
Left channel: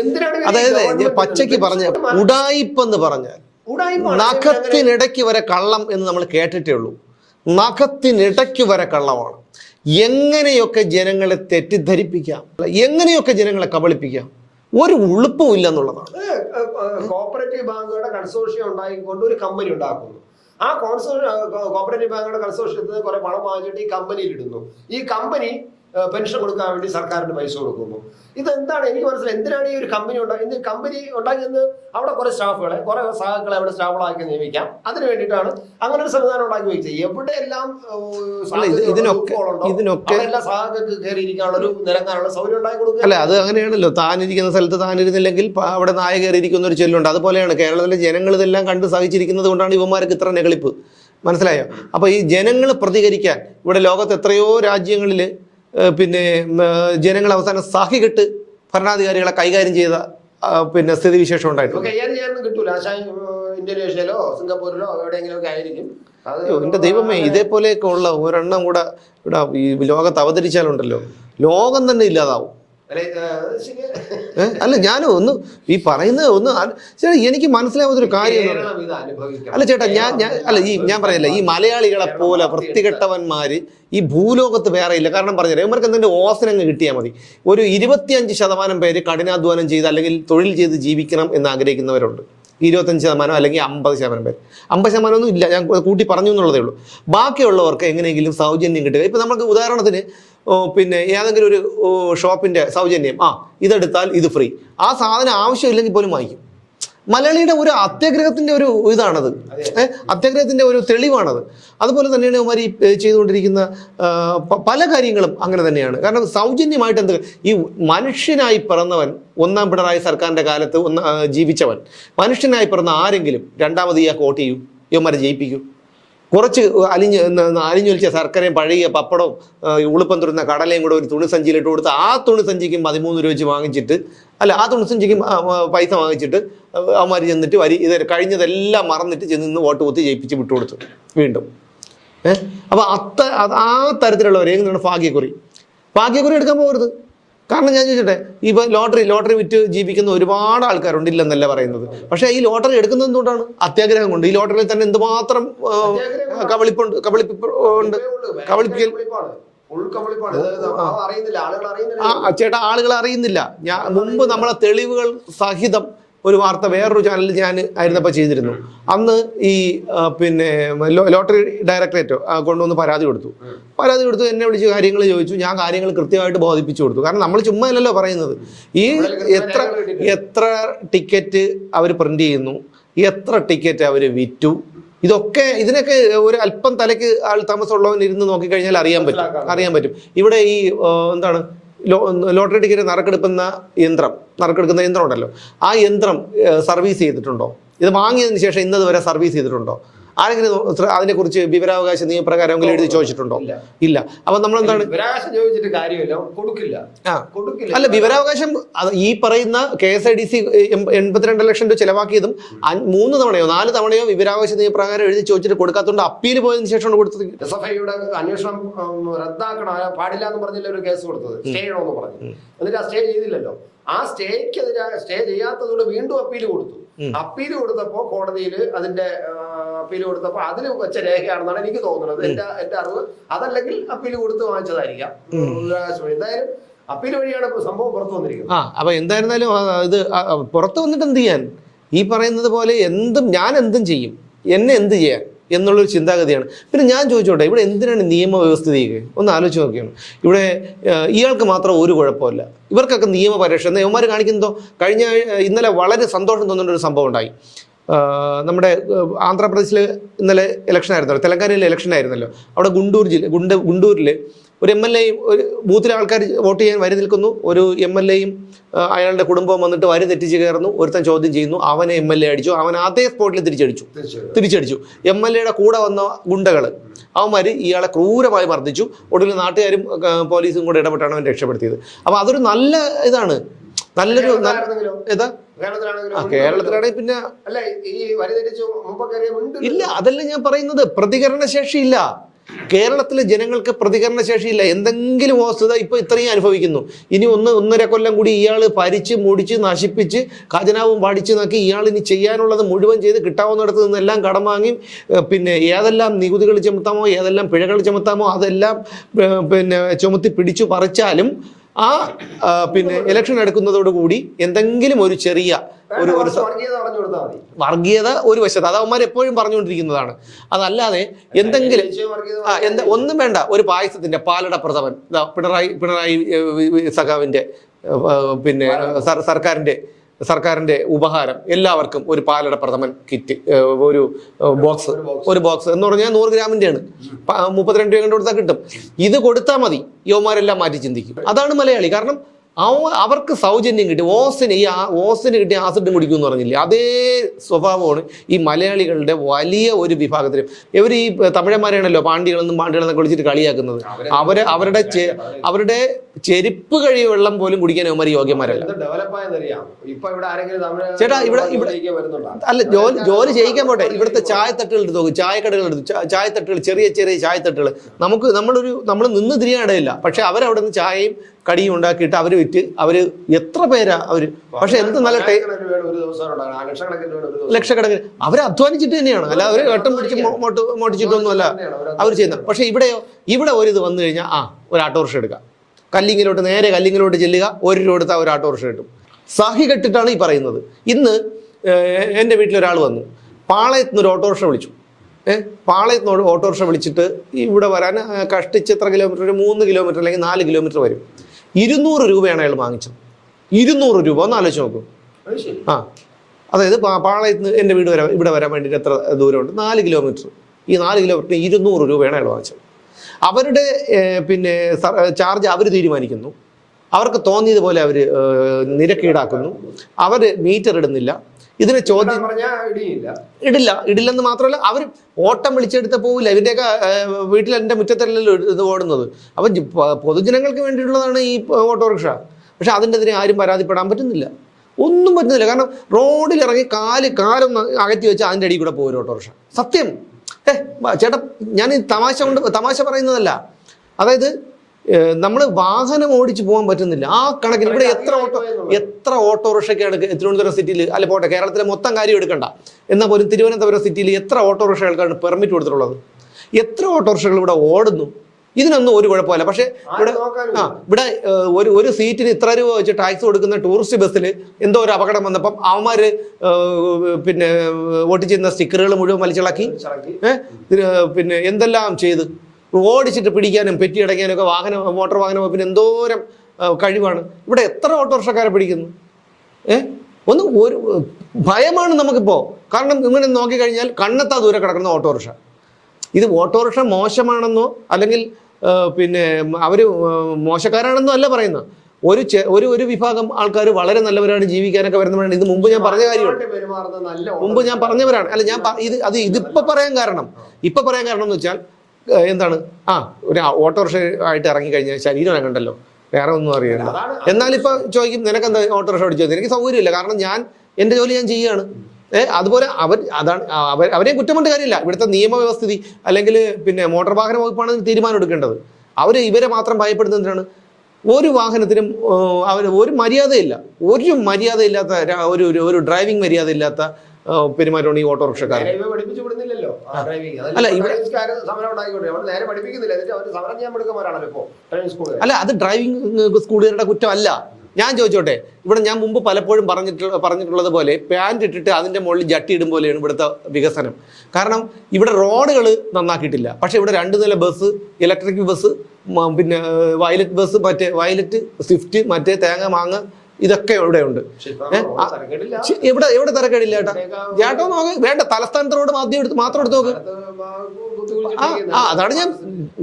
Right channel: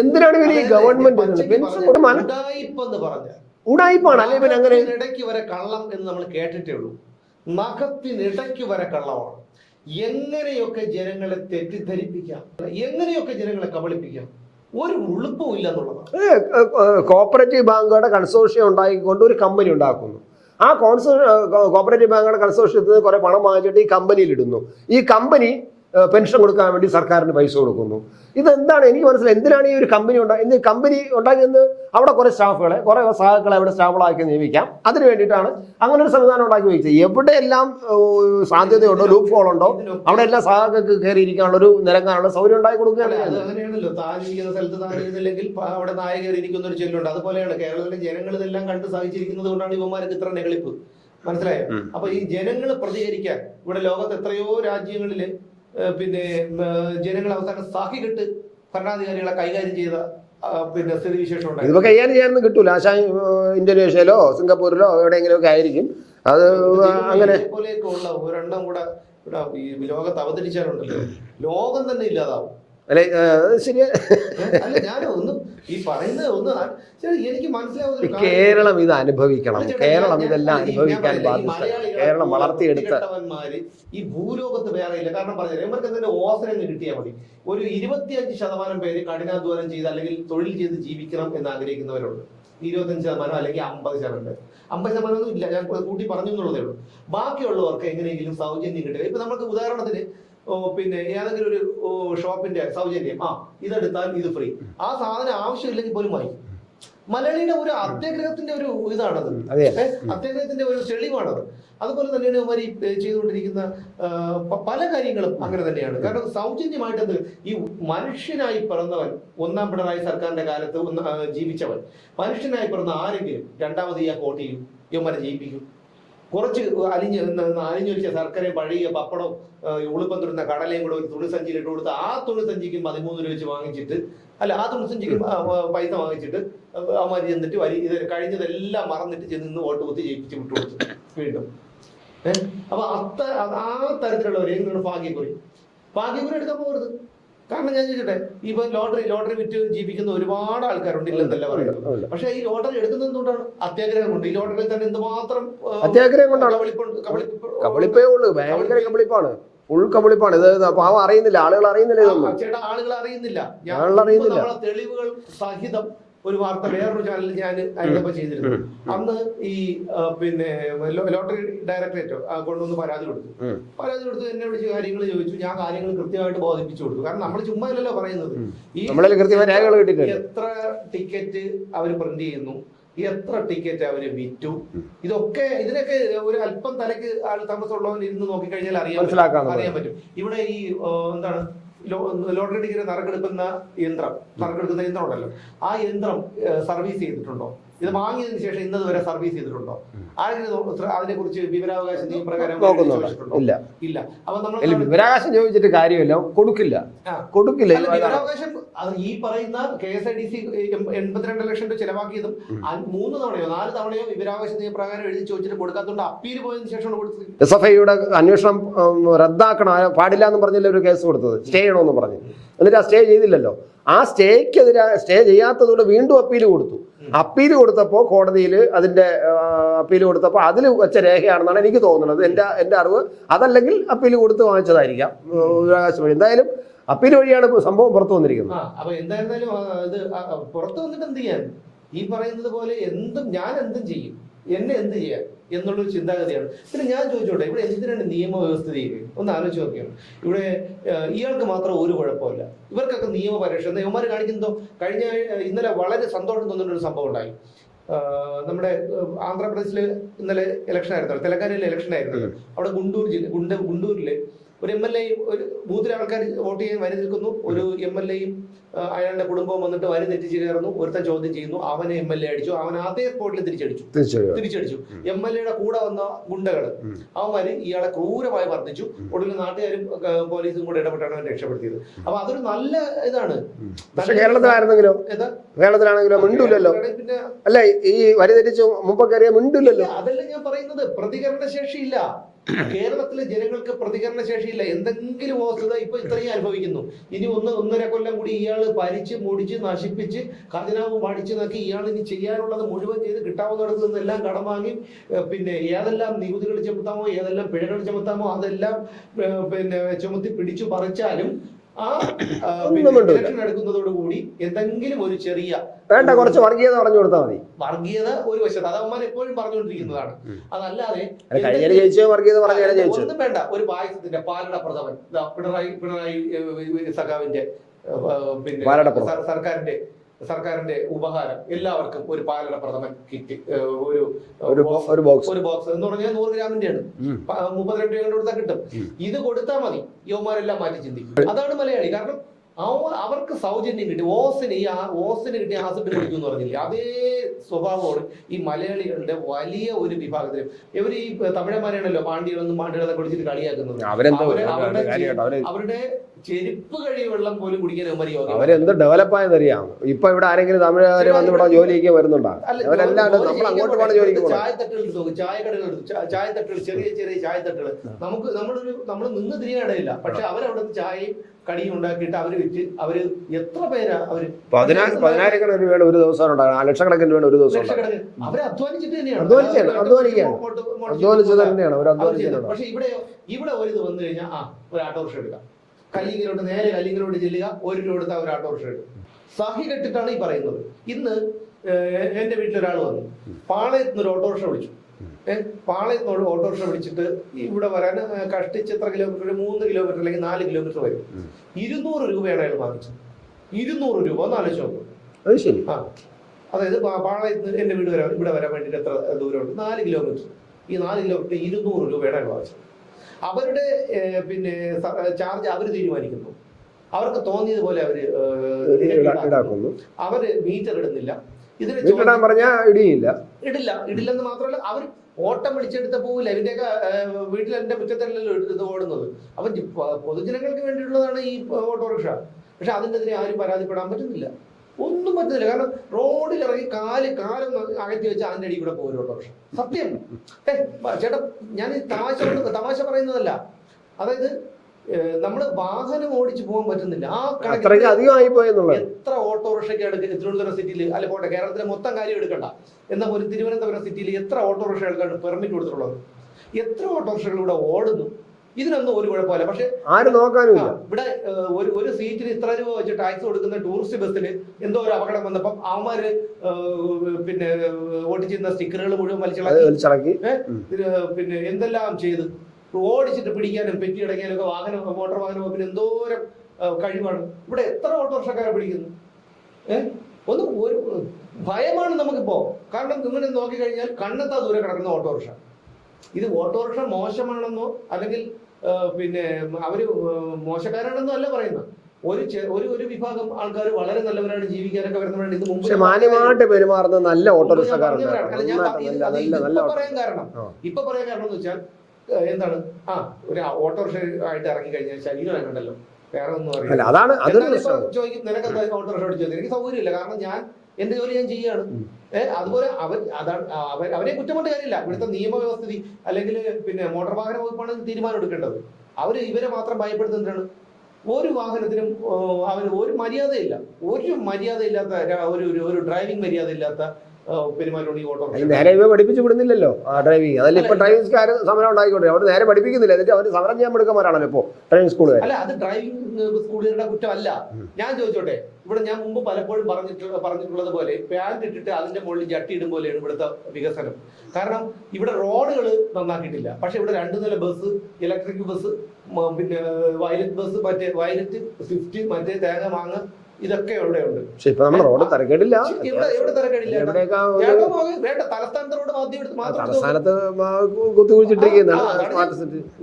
എന്തിനാണ് പച്ചയ്ക്ക് പറഞ്ഞ ഉടായിപ്പെന്ന് പറഞ്ഞാൽ. നഖത്തിനിടയ്ക്ക് വരെ കള്ളം എന്ന് നമ്മൾ കേട്ടിട്ടേ ഉള്ളൂ. നഖത്തിനിടയ്ക്ക് വരെ കള്ളമാണ്. എങ്ങനെയൊക്കെ ജനങ്ങളെ തെറ്റിദ്ധരിപ്പിക്കാം? എങ്ങനെയൊക്കെ ജനങ്ങളെ കബളിപ്പിക്കാം? ഒരു ഉളുപ്പും ഇല്ലെന്നുള്ളതാണ് കോപ്പറേറ്റീവ് ബാങ്കുകളുടെ കൺസോർഷ്യം ഉണ്ടാക്കിക്കൊണ്ട് ഒരു കമ്പനി ഉണ്ടാക്കുന്നു. ആ കോൺസോ കോപ്പറേറ്റീവ് ബാങ്കുകളുടെ കൺസോർഷ്യത്തിൽ നിന്ന് കുറെ പണം വാങ്ങിച്ചിട്ട് ഈ കമ്പനിയിൽ ഇടുന്നു. ഈ കമ്പനി പെൻഷൻ കൊടുക്കാൻ വേണ്ടി സർക്കാരിന് പൈസ കൊടുക്കുന്നു. ഇതെന്താണ്? എനിക്ക് മനസ്സിലായി. എന്തിനാണ് ഈ ഒരു കമ്പനി ഉണ്ടാക്കി ഇന്ന് കമ്പനി ഉണ്ടാക്കിയെന്ന് അവിടെ കുറെ സ്റ്റാഫുകളെ കുറെ സഹാക്കളെ അവിടെ സ്റ്റാഫുകളാക്കി നിയമിക്കാം അതിന് വേണ്ടിയിട്ടാണ് അങ്ങനെ ഒരു സംവിധാനം ഉണ്ടാക്കി വെച്ചത്. എവിടെയെല്ലാം എല്ലാം സാധ്യതയുണ്ടോ ഇതിനൊക്കെ- ലൂപ്പുകളുണ്ടോ? ഇതിനൊക്കെ- അവിടെ എല്ലാം സഹാക്കൾക്ക് കയറി ഇരിക്കാനുള്ള ഒരു നിരങ്ങാനുള്ള സൗകര്യം ഉണ്ടാക്കി കൊടുക്കുക. അല്ല അത് അങ്ങനെയാണല്ലോ. താനിരിക്കുന്ന സ്ഥലത്ത് താനിരുന്നില്ലെങ്കിൽ അവിടെ നായ കയറിയിരിക്കുന്ന ഒരു ചൊല്ലുണ്ട്. അതുപോലെയാണ് കേരളത്തിലെ ജനങ്ങൾ ഇതെല്ലാം കണ്ട് സഹിച്ചിരിക്കുന്നത് കൊണ്ടാണ് യുവമാർക്ക് ഇത്ര നെകളിപ്പ്. മനസ്സിലായോ? അപ്പൊ ഈ ജനങ്ങൾ പ്രതികരിക്കാൻ ഇവിടെ ലോകത്ത് എത്രയോ രാജ്യങ്ങളിൽ പിന്നെ ജനങ്ങൾ അവസാനം സാഹികെട്ട് ഭരണാധികാരികളെ കൈകാര്യം ചെയ്ത പിന്നെ സ്ഥിതിവിശേഷം ഉണ്ടായിരുന്നു കൈകാര്യം ചെയ്യാനൊന്നും കിട്ടൂല. ആശാ ഇന്തോനേഷ്യയിലോ സിംഗപ്പൂരിലോ എവിടെയെങ്കിലും ഒക്കെ ആയിരിക്കും. അത് എന്റെ ദൈവമേ ഇതേപോലെയൊക്കെ ഉള്ള ഒരെണ്ണം കൂടെ ഇവിടെ ഈ ലോകത്ത് അവതരിച്ചാലുണ്ടല്ലോ. ലോകം തന്നെ ഇല്ലാതാവും. അല്ലെ ശരി അല്ല ഞാനും ഒന്ന് ഈ പറയുന്നത് ഒന്ന് ശരി ചേട്ടാ എനിക്ക് മനസ്സിലാവുന്ന ഒരു കാര്യം കേരളം ഇത് അനുഭവിക്കണം. അല്ല ചേട്ടാ ഞാൻ ഞാൻ അല്ല ഈ ഞാൻ പറയല്ല ഈ മലയാളികളെ പോലെ വൃത്തികെട്ടവന്മാര് ഈ ഭൂലോകത്ത് വേറെ ഇല്ല. കാരണം പറഞ്ഞില്ല ഇവർക്ക് എന്തെങ്കിലും ഓസനങ്ങ് കിട്ടിയാൽ മതി. ഒരു ഇരുപത്തിയഞ്ച് ശതമാനം പേര് കഠിനാധ്വാനം ചെയ്ത് അല്ലെങ്കിൽ തൊഴിൽ ചെയ്ത് ജീവിക്കണം എന്ന് ആഗ്രഹിക്കുന്നവരുണ്ട്. ഇരുപത്തഞ്ച് ശതമാനം അല്ലെങ്കിൽ അമ്പത് ശതമാനം പേര്. അമ്പത് ശതമാനം ഒന്നും ഇല്ല. ഞാൻ കൂട്ടി പറഞ്ഞു എന്നുള്ളതേ ഉള്ളൂ. ബാക്കിയുള്ളവർക്ക് എങ്ങനെയെങ്കിലും സൗജന്യം കിട്ടുക. ഇപ്പൊ നമുക്ക് ഉദാഹരണത്തിന് പിന്നെ ഏതെങ്കിലും ഒരു ഷോപ്പിന്റെ ഷോപ്പിന്റെ സൗജന്യം. ആ ഇതെടുത്താൽ ഇത് ഫ്രീ ആ സാധനം ആവശ്യമില്ലെങ്കിൽ പോലും വാങ്ങിക്കും. മലയാളിയുടെ ഒരു അത്യാഗ്രഹത്തിന്റെ ഒരു ഇതാണത്. അത്യാഗ്രഹത്തിന്റെ ഒരു തെളിവാണത്. അതുപോലെ തന്നെയാണ് ഇവന്മാർ ഈ ചെയ്തുകൊണ്ടിരിക്കുന്ന പല കാര്യങ്ങളും അങ്ങനെ തന്നെയാണ്. കാരണം സൗജന്യമായിട്ട് എന്ത് ഈ മനുഷ്യനായി പിറന്നവൻ ഒന്നാം പിണറായി സർക്കാരിന്റെ കാലത്ത് ഒന്ന് ജീവിച്ചവൻ മനുഷ്യനായി പിറന്ന ആരെങ്കിലും രണ്ടാമത് ഇയാൾക്ക് കോട്ട് ചെയ്യും. ഇവന്മാരെ ജയിപ്പിക്കും. കുറച്ച് അലിഞ്ഞ് അലിഞ്ഞൊലിച്ച ശർക്കരയും പഴയ പപ്പടവും ഉളുപ്പം തുറന്ന കടലയും കൂടെ ഒരു തുണിസഞ്ചിയിലിട്ട് കൊടുത്ത് ആ തുണിസഞ്ചിക്കും പതിമൂന്ന് രൂപ വെച്ച് വാങ്ങിച്ചിട്ട് അല്ല ആ തുണി സഞ്ചിക്കും ആ, ആ, പൈസ വാങ്ങിച്ചിട്ട് അവന്മാർ ചെന്നിട്ട് വരി ഇത് കഴിഞ്ഞതെല്ലാം മറന്നിട്ട് ചെന്ന് വോട്ട് കുത്തി ജയിപ്പിച്ച് വിട്ടുകൊടുത്തു വീണ്ടും. ഏഹ് അപ്പൊ അത്ത ആ തരത്തിലുള്ളവർ എങ്ങനെയാണ് ഭാഗ്യക്കുറി? ഭാഗ്യക്കുറി എടുക്കാൻ പോകരുത്. കാരണം ഞാൻ ചോദിച്ചട്ടെ ഇപ്പൊ ലോട്ടറി ലോട്ടറി വിറ്റ് ജീവിക്കുന്ന ഒരുപാട് ആൾക്കാരുണ്ട് ഇല്ലെന്നല്ല പറയുന്നത് പക്ഷെ ഈ ലോട്ടറി എടുക്കുന്നത് എന്തുകൊണ്ടാണ്? അത്യാഗ്രഹം കൊണ്ട്. ഈ ലോട്ടറിയിൽ തന്നെ എന്തുമാത്രം. കബളിപ്പുണ്ട് കബളിപ്പ് കബളിപ്പേ ഉള്ളൂ. ഭയങ്കര കബളിപ്പിക്കൽ- കബളിപ്പാണ്. ഫുൾ കബളിപ്പാണ്. ഇത് അറിയുന്നില്ല. ആളുകൾ അറിയുന്നില്ല ചേട്ടാ ആളുകൾ അറിയുന്നില്ല. ഞാൻ മുമ്പ്. നമ്മളെ തെളിവുകൾ സഹിതം ഒരു വാർത്ത വേറൊരു ചാനലിൽ ഞാൻ ആയിരുന്നപ്പോൾ ചെയ്തിരുന്നു. അന്ന് ഈ പിന്നെ ലോട്ടറി ഡയറക്ടറേറ്റോ കൊണ്ടുവന്ന് പരാതി കൊടുത്തു. പരാതി കൊടുത്തു എന്നെ വിളിച്ച് കാര്യങ്ങൾ ചോദിച്ചു. ഞാൻ കാര്യങ്ങൾ കൃത്യമായിട്ട് ബോധിപ്പിച്ചു കൊടുത്തു. കാരണം നമ്മൾ ചുമ്മാ അല്ലല്ലോ പറയുന്നത്. ഈ എത്ര എത്ര ടിക്കറ്റ് അവർ പ്രിന്റ് ചെയ്യുന്നു? എത്ര ടിക്കറ്റ് അവർ വിറ്റു? ഇതൊക്കെ ഇതിനൊക്കെ ഒരു അല്പം തലയ്ക്ക് ആൾ താമസമുള്ളവൻ ഇരുന്ന് നോക്കിക്കഴിഞ്ഞാൽ അറിയാൻ പറ്റും. അറിയാൻ പറ്റും. ഇവിടെ ഈ എന്താണ് ലോട്ടറി ടിക്കറ്റ് നറുക്കെടുക്കുന്ന യന്ത്രം നറുക്കെടുക്കുന്ന യന്ത്രം ഉണ്ടല്ലോ. ആ യന്ത്രം സർവീസ് ചെയ്തിട്ടുണ്ടോ? ഇത് വാങ്ങിയതിന് ശേഷം ഇന്നതുവരെ സർവീസ് ചെയ്തിട്ടുണ്ടോ? ആരെങ്കിലും അതിനെ അതിനെക്കുറിച്ച് വിവരാവകാശ നിയമപ്രകാരം എഴുതി ചോദിച്ചിട്ടുണ്ടോ? ഇല്ല. ഇല്ല. അപ്പൊ നമ്മൾ എന്താണ് വിവരാവകാശം ചോദിച്ചിട്ട് കാര്യമില്ല. കൊടുക്കില്ല. കൊടുക്കില്ല. അല്ല വിവരാവകാശം ഈ പറയുന്ന K S I D C എൺപത്തിരണ്ട് ലക്ഷം രൂപ ചെലവാക്കിയതും മൂന്ന് തവണയോ നാല് തവണയോ വിവരാവകാശ നിയമപ്രകാരം എഴുതി ചോദിച്ചിട്ട് കൊടുക്കാത്തതുകൊണ്ട് അപ്പീൽ പോയതിനു ശേഷമാണ് കൊടുത്തത്. എസ് എഫ് ഐയുടെ അന്വേഷണം റദ്ദാക്കണം പാടില്ല എന്ന് പറഞ്ഞില്ല ഒരു കേസ് കൊടുത്തത്? സ്റ്റേ ചെയ്യണമെന്ന് പറഞ്ഞു. എന്നിട്ട് ആ സ്റ്റേ ചെയ്തില്ലല്ലോ. ആ സ്റ്റേക്ക് സ്റ്റേക്കെതിരെ സ്റ്റേ ചെയ്യാത്തതുകൊണ്ട് വീണ്ടും അപ്പീൽ കൊടുത്തു. അപ്പീൽ കൊടുത്തപ്പോൾ കോടതിയിൽ അതിന്റെ അപ്പീൽ കൊടുത്തപ്പോൾ അതിൽ വെച്ച രേഖയാണെന്നാണ് എനിക്ക് തോന്നുന്നത്. എന്റെ എന്റെ അറിവ്. അതല്ലെങ്കിൽ അപ്പീൽ കൊടുത്ത് വാങ്ങിച്ചതായിരിക്കാം. എന്തായാലും അപ്പീൽ വഴിയാണ് സംഭവം പുറത്തു വന്നിരിക്കുന്നത്. ആ അപ്പൊ എന്തായിരുന്നാലും ഇത് പുറത്ത് വന്നിട്ട് എന്ത് ചെയ്യാൻ? ഈ പറയുന്നത് പോലെ എന്തും ഞാൻ എന്തും ചെയ്യും. എന്നെ എന്ത് ചെയ്യാൻ? എന്നുള്ളൊരു ചിന്താഗതിയാണ്. പിന്നെ ഞാൻ ചോദിച്ചോട്ടെ ഇവിടെ എന്തിനാണ് നിയമവ്യവസ്ഥിതിക്ക് ഒന്ന് ആലോചിച്ച് നോക്കിയാണ്. ഇവിടെ ഇയാൾക്ക് മാത്രം ഒരു കുഴപ്പമില്ല ഇവർക്കൊക്കെ നിയമപരീക്ഷ നിയമമാർ കാണിക്കുന്നതോ കഴിഞ്ഞ ഇന്നലെ വളരെ സന്തോഷം തോന്നുന്ന ഒരു സംഭവം ഉണ്ടായി. നമ്മുടെ ആന്ധ്രാപ്രദേശിൽ ഇന്നലെ ഇലക്ഷൻ ആയിരുന്നല്ലോ തെലങ്കാനയിൽ ഇലക്ഷൻ ആയിരുന്നല്ലോ. അവിടെ ഗുണ്ടൂർ ജില്ല ഗുണ്ട ഗുണ്ടൂരിൽ ഒരു എം എൽ എയും ഒരു ബൂത്തിലെ ആൾക്കാർ വോട്ട് ചെയ്യാൻ വരി നിൽക്കുന്നു. ഒരു എം എൽ എയും അയാളുടെ കുടുംബവും വന്നിട്ട് വരി തെറ്റിച്ച് കയറുന്നു. ഒരുത്തൻ ചോദ്യം ചെയ്യുന്നു. അവനെ എം എൽ എ അടിച്ചു. അവൻ അതേ സ്പോട്ടിൽ തിരിച്ചടിച്ചു. തിരിച്ചടിച്ചു. എം എൽ എയുടെ കൂടെ വന്ന ഗുണ്ടകൾ അവന്മാര് ഇയാളെ ക്രൂരമായി മർദ്ദിച്ചു. ഒടുവിൽ നാട്ടുകാരും പോലീസും കൂടെ ഇടപെട്ടാണ് അവൻ രക്ഷപ്പെടുത്തിയത്. അപ്പൊ അതൊരു നല്ല ഇതാണ്. പിന്നെ അല്ല ഈ വരി തെറ്റിച്ച് ഇല്ല അതല്ല ഞാൻ പറയുന്നത്. പ്രതികരണ ശേഷിയില്ല കേരളത്തിലെ ജനങ്ങൾക്ക് പ്രതികരണ ശേഷിയില്ല എന്തെങ്കിലും വസ്തുത ഇപ്പൊ ഇത്രയും അനുഭവിക്കുന്നു. ഇനി ഒന്ന് ഒന്നര കൊല്ലം കൂടി ഇയാൾ പരിച്ച് മുടിച്ച് നശിപ്പിച്ച് ഖജനാവും പാടിച്ച് നോക്കി ഇയാൾ ഇനി ചെയ്യാനുള്ളത് മുഴുവൻ ചെയ്ത് കിട്ടാവുന്നിടത്ത് നിന്നെല്ലാം കടം വാങ്ങി പിന്നെ ഏതെല്ലാം നികുതികൾ ചുമത്താമോ ഏതെല്ലാം പിഴകൾ ചുമത്താമോ അതെല്ലാം പിന്നെ ചുമത്തി പിടിച്ചു പറിച്ചാലും ആ പിന്നെ ഇലക്ഷൻ എടുക്കുന്നതോടുകൂടി എന്തെങ്കിലും ഒരു ചെറിയ വർഗീയത ഒരു വശത്ത്. അത് അവന്മാർ എപ്പോഴും പറഞ്ഞുകൊണ്ടിരിക്കുന്നതാണ്. അതല്ലാതെ എന്തെങ്കിലും ഒന്നും വേണ്ട. ഒരു പായസത്തിന്റെ പാലട പ്രഥമൻ. പിണറായി പിണറായി സഖാവിന്റെ പിന്നെ സർക്കാരിന്റെ സർക്കാരിന്റെ ഉപഹാരം എല്ലാവർക്കും ഒരു പാലട പ്രഥമൻ കിറ്റ് ഒരു ബോക്സ് ഒരു ബോക്സ് എന്ന് പറഞ്ഞാൽ നൂറ് ഗ്രാമിന്റെയാണ്. ആണ് മുപ്പത്തിരണ്ട് രൂപ കൊണ്ട് കൊടുത്താൽ കിട്ടും ഇത് കൊടുത്താൽ മതി. യുവമാരെല്ലാം മാറ്റി ചിന്തിക്കും. അതാണ് മലയാളി. കാരണം അവർക്ക് സൗജന്യം കിട്ടി. ഓസിന് ഈ ആ- ഓസിന് കിട്ടിയ ആസിഡ് കുടിക്കുമെന്ന് പറഞ്ഞില്ലേ? അതേ സ്വഭാവമാണ് ഈ മലയാളികളുടെ വലിയ ഒരു വിഭാഗത്തിലും. ഇവർ ഈ തമിഴന്മാരാണല്ലോ പാണ്ടികളെന്നും പാണ്ടികളെന്നൊക്കെ വിളിച്ചിട്ട് കളിയാക്കുന്നത്. അവർ അവരുടെ അവരുടെ ചെരുപ്പ് കഴിയ വെള്ളം പോലും കുടിക്കാൻ അവന്മാർ യോഗ്യന്മാരല്ല എന്ത് ഡെവലപ്പ് ഇപ്പൊ ഇവിടെ ആരെങ്കിലും തമിഴ് വരുന്നുണ്ടോ? അല്ല ജോലി ചെയ്യിക്കാൻ പോട്ടെ. ഇവിടുത്തെ ചായത്തട്ടുകൾ എടുത്ത് നോക്കും. ചായക്കടകൾ എടുത്തു ചായത്തട്ടുകൾ ചെറിയ ചെറിയ ചായത്തട്ടുകൾ. നമുക്ക് നമ്മളൊരു നമ്മൾ നിന്ന് തിരിയാൻ ഇടയില്ല. പക്ഷെ അവരവിടെ നിന്ന് ചായയും കടിയും ഉണ്ടാക്കിയിട്ട് അവർ വിറ്റ് അവർ എത്ര പേരാ അവർ? പക്ഷെ ഒരു ദിവസം ലക്ഷക്കണക്കിന് ഒരു ദിവസം ലക്ഷക്കണക്കിന്. അവർ അധ്വാനിച്ചിട്ട് തന്നെയാണ്. അല്ല. അവർ വെട്ടം അവർ ചെയ്യുന്നത്. പക്ഷെ ഇവിടെയോ ഇവിടെ ഒരു ഇത് വന്നു കഴിഞ്ഞാൽ ആ ഒരു ഓട്ടോറിക്ഷ എടുക്കാം കല്ലിങ്ങിലോട്ട് നേരെ കല്ലിങ്ങിലോട്ട് ചെല്ലുക ഒരു രൂപ എടുത്താൽ ഒരു ഓട്ടോറിക്ഷ കിട്ടും. സാഹി കെട്ടിട്ടാണ് ഈ പറയുന്നത്. ഇന്ന് എന്റെ വീട്ടിൽ ഒരാൾ വന്നു. പാളയത്ത് നിന്ന് ഒരു ഓട്ടോറിക്ഷ വിളിച്ചു. പാളയത്ത് നിന്ന് ഓട്ടോറിക്ഷ വിളിച്ചിട്ട് ഇവിടെ വരാൻ കഷ്ടിച്ച് എത്ര കിലോമീറ്റർ ഒരു മൂന്ന് കിലോമീറ്റർ അല്ലെങ്കിൽ നാല് കിലോമീറ്റർ വരും. ഇരുന്നൂറ് രൂപയാണ് അയാൾ വാങ്ങിച്ചത്. ഇരുന്നൂറ് രൂപ ഒന്ന് ആലോചിച്ച് നോക്കും. ആ. അതായത് പാളയത്ത് നിന്ന് എന്റെ വീട് വരാൻ ഇവിടെ വരാൻ വേണ്ടിയിട്ട് എത്ര ദൂരമുണ്ട്? നാല് കിലോമീറ്റർ ഈ നാല് കിലോമീറ്റർ ഇരുന്നൂറ് രൂപയാണ് അയാൾ വാങ്ങിച്ചത്. അവരുടെ പിന്നെ ചാർജ് അവർ തീരുമാനിക്കുന്നു. അവർക്ക് തോന്നിയതുപോലെ അവർ നിരക്ക് ഈടാക്കുന്നു. അവർ മീറ്റർ ഇടുന്നില്ല. ഇതിനെ ചോദ്യം പറഞ്ഞാൽ ഇടിയില്ല. ഇടില്ല. ഇടില്ലെന്ന് മാത്രമല്ല അവർ ഓട്ടം വിളിച്ചെടുത്ത പോവില്ല. ഇവരുടെയൊക്കെ വീട്ടിൽ എന്റെ മുറ്റത്തല്ലല്ലോ ഇത് ഓടുന്നത്. അപ്പം പൊതുജനങ്ങൾക്ക് വേണ്ടിയിട്ടുള്ളതാണ് ഈ ഓട്ടോറിക്ഷ. പക്ഷെ അതിന്റെതിരെ ആരും പരാതിപ്പെടാൻ പറ്റുന്നില്ല. ഒന്നും പറ്റുന്നില്ല. കാരണം റോഡിൽ ഇറങ്ങി കാൽ കാലൊന്ന് അകറ്റി വെച്ച് അതിന്റെ അടിയിൽ കൂടെ പോകും ഓട്ടോറിക്ഷ. സത്യം. ഏ ബ- ചേട്ടാ ഞാൻ ഈ തമാശ കൊണ്ട് തമാശ പറയുന്നതല്ല. അതായത് നമ്മൾ വാഹനം ഓടിച്ചു പോകാൻ പറ്റുന്നില്ല. ആ കണക്ക് ഇവിടെ എത്ര ഓട്ടോ എത്ര ഓട്ടോറിക്ഷയ്ക്കാണ് തിരുവനന്തപുരം സിറ്റിയിൽ അല്ല പോട്ടെ കേരളത്തിലെ മൊത്തം കാര്യം എടുക്കണ്ട. എന്നാൽ പോലും തിരുവനന്തപുരം സിറ്റിയിൽ എത്ര ഓട്ടോറിക്ഷകൾക്കാണ് പെർമിറ്റ് കൊടുത്തിട്ടുള്ളത്? എത്ര ഓട്ടോറിക്ഷകൾ ഇവിടെ ഓടുന്നു? ഇതിനൊന്നും ഒരു കുഴപ്പമില്ല. പക്ഷേ ഇവിടെ ഒരു ഒരു സീറ്റിന് ഇത്ര രൂപ വെച്ച് ടാക്സ് കൊടുക്കുന്ന ടൂറിസ്റ്റ് ബസ്സിൽ എന്തോ ഒരു അപകടം വന്നപ്പം അവന്മാര് പിന്നെ ഒട്ടിച്ചിരുന്ന സ്റ്റിക്കറുകൾ മുഴുവൻ വലിച്ചിളക്കി. പിന്നെ എന്തെല്ലാം ചെയ്ത്? ഓടിച്ചിട്ട് പിടിക്കാനും പെറ്റിയടയ്ക്കാനും ഒക്കെ വാഹനം മോട്ടോർ വാഹന വകുപ്പിന് എന്തോരം കഴിവാണ്. ഇവിടെ എത്ര ഓട്ടോറിക്ഷക്കാരെ പിടിക്കുന്നു? ഏ? ഒന്ന് ഒരു ഭയമാണ് നമുക്കിപ്പോൾ കാരണം ഇങ്ങനെ നോക്കിക്കഴിഞ്ഞാൽ കണ്ണെത്താ ദൂരെ കിടക്കുന്ന ഓട്ടോറിക്ഷ. ഇത് ഓട്ടോറിക്ഷ മോശമാണെന്നോ അല്ലെങ്കിൽ പിന്നെ അവർ മോശക്കാരാണെന്നോ അല്ല പറയുന്നത്. ഒരു ചെ- ഒരു ഒരു വിഭാഗം ആൾക്കാർ വളരെ നല്ലവരാണ് ജീവിക്കാനൊക്കെ വരുന്നവരാണ്. ഇത് മുമ്പ് ഞാൻ പറഞ്ഞ കാര്യം. മുമ്പ് ഞാൻ പറഞ്ഞവരാണ്. അല്ല ഞാൻ ഇത് അത് ഇതിപ്പോ പറയാൻ കാരണം. ഇപ്പൊ പറയാൻ കാരണം എന്ന് വെച്ചാൽ എന്താണ്? ആ ഒരു ഓട്ടോറിക്ഷ ആയിട്ട് ഇറങ്ങി കഴിഞ്ഞാൽ ശരീരം കണ്ടല്ലോ വേറെ ഒന്നും അറിയില്ല. അതാണ് എന്നാലിപ്പോ എന്നാൽ ഇപ്പൊ ചോദിക്കും നിനക്ക് എന്താ ഓട്ടോറിക്ഷ ഓടിച്ചത്? എനിക്ക് സൗകര്യമില്ല. കാരണം ഞാൻ എന്റെ ജോലി ഞാൻ ചെയ്യാണ് ഏഹ് അതുപോലെ അവർ അതാണ് അവർ അവരെ കുറ്റം കൊണ്ട് കാര്യമില്ല. ഇവിടുത്തെ നിയമവ്യവസ്ഥിതി അല്ലെങ്കിൽ പിന്നെ മോട്ടോർ വാഹന വകുപ്പാണ് തീരുമാനം എടുക്കേണ്ടത് അവർ ഇവരെ മാത്രം ഭയപ്പെടുന്നത് എന്തിനാണ്? ഒരു വാഹനത്തിനും അവർ ഒരു മര്യാദയില്ല. ഒരു മര്യാദയില്ലാത്ത ഒരു ഒരു- ഡ്രൈവിംഗ് മര്യാദ ഇല്ലാത്ത ആ, പെരുമാറ്റമാണ് ഈ ഓട്ടോറിക്ഷ നേരെ ഇവ പഠിപ്പിച്ചു വിടുന്നില്ലല്ലോ. ഡ്രൈവിംഗ് അതല്ല സമരം ഉണ്ടായിക്കോട്ടെ. അവർ നേരെ പഠിപ്പിക്കുന്നില്ല. എന്നിട്ട് അവർ സമരം ചെയ്യാൻ എടുക്കുമാരാണല്ലോ ഇപ്പോ ഡ്രൈവിംഗ് സ്കൂൾ അല്ല അത് ഡ്രൈവിംഗ് സ്കൂളുകാരുടെ കുറ്റമല്ല. ഞാൻ ചോദിച്ചോട്ടെ ഇവിടെ ഞാൻ മുമ്പ് പലപ്പോഴും പറഞ്ഞിട്ടുള്ള പറഞ്ഞിട്ടുള്ളത് പോലെ പാന്റ് ഇട്ടിട്ട് അതിന്റെ മുകളിൽ ജട്ടി ഇടും പോലെയാണ് ഇവിടുത്തെ വികസനം. കാരണം ഇവിടെ റോഡുകൾ നന്നാക്കിയിട്ടില്ല. പക്ഷെ ഇവിടെ രണ്ട് നില ബസ് ഇലക്ട്രിക് ബസ് പിന്നെ വയലറ്റ് ബസ് മറ്റേ വയലറ്റ് സ്വിഫ്റ്റ് മറ്റേ തേങ്ങ മാങ്ങ ഇതൊക്കെ ഇവിടെ ഉണ്ട് എവിടെ ഇപ്പൊ എവിടെ തരക്കേടില്ല ചേട്ടാ നോക്ക് വേണ്ട തലസ്ഥാനത്ത് റോഡ് മാധ്യമം എടുത്ത് മാത്രം എടുത്ത് നോക്ക്. അതാണ് ഞാൻ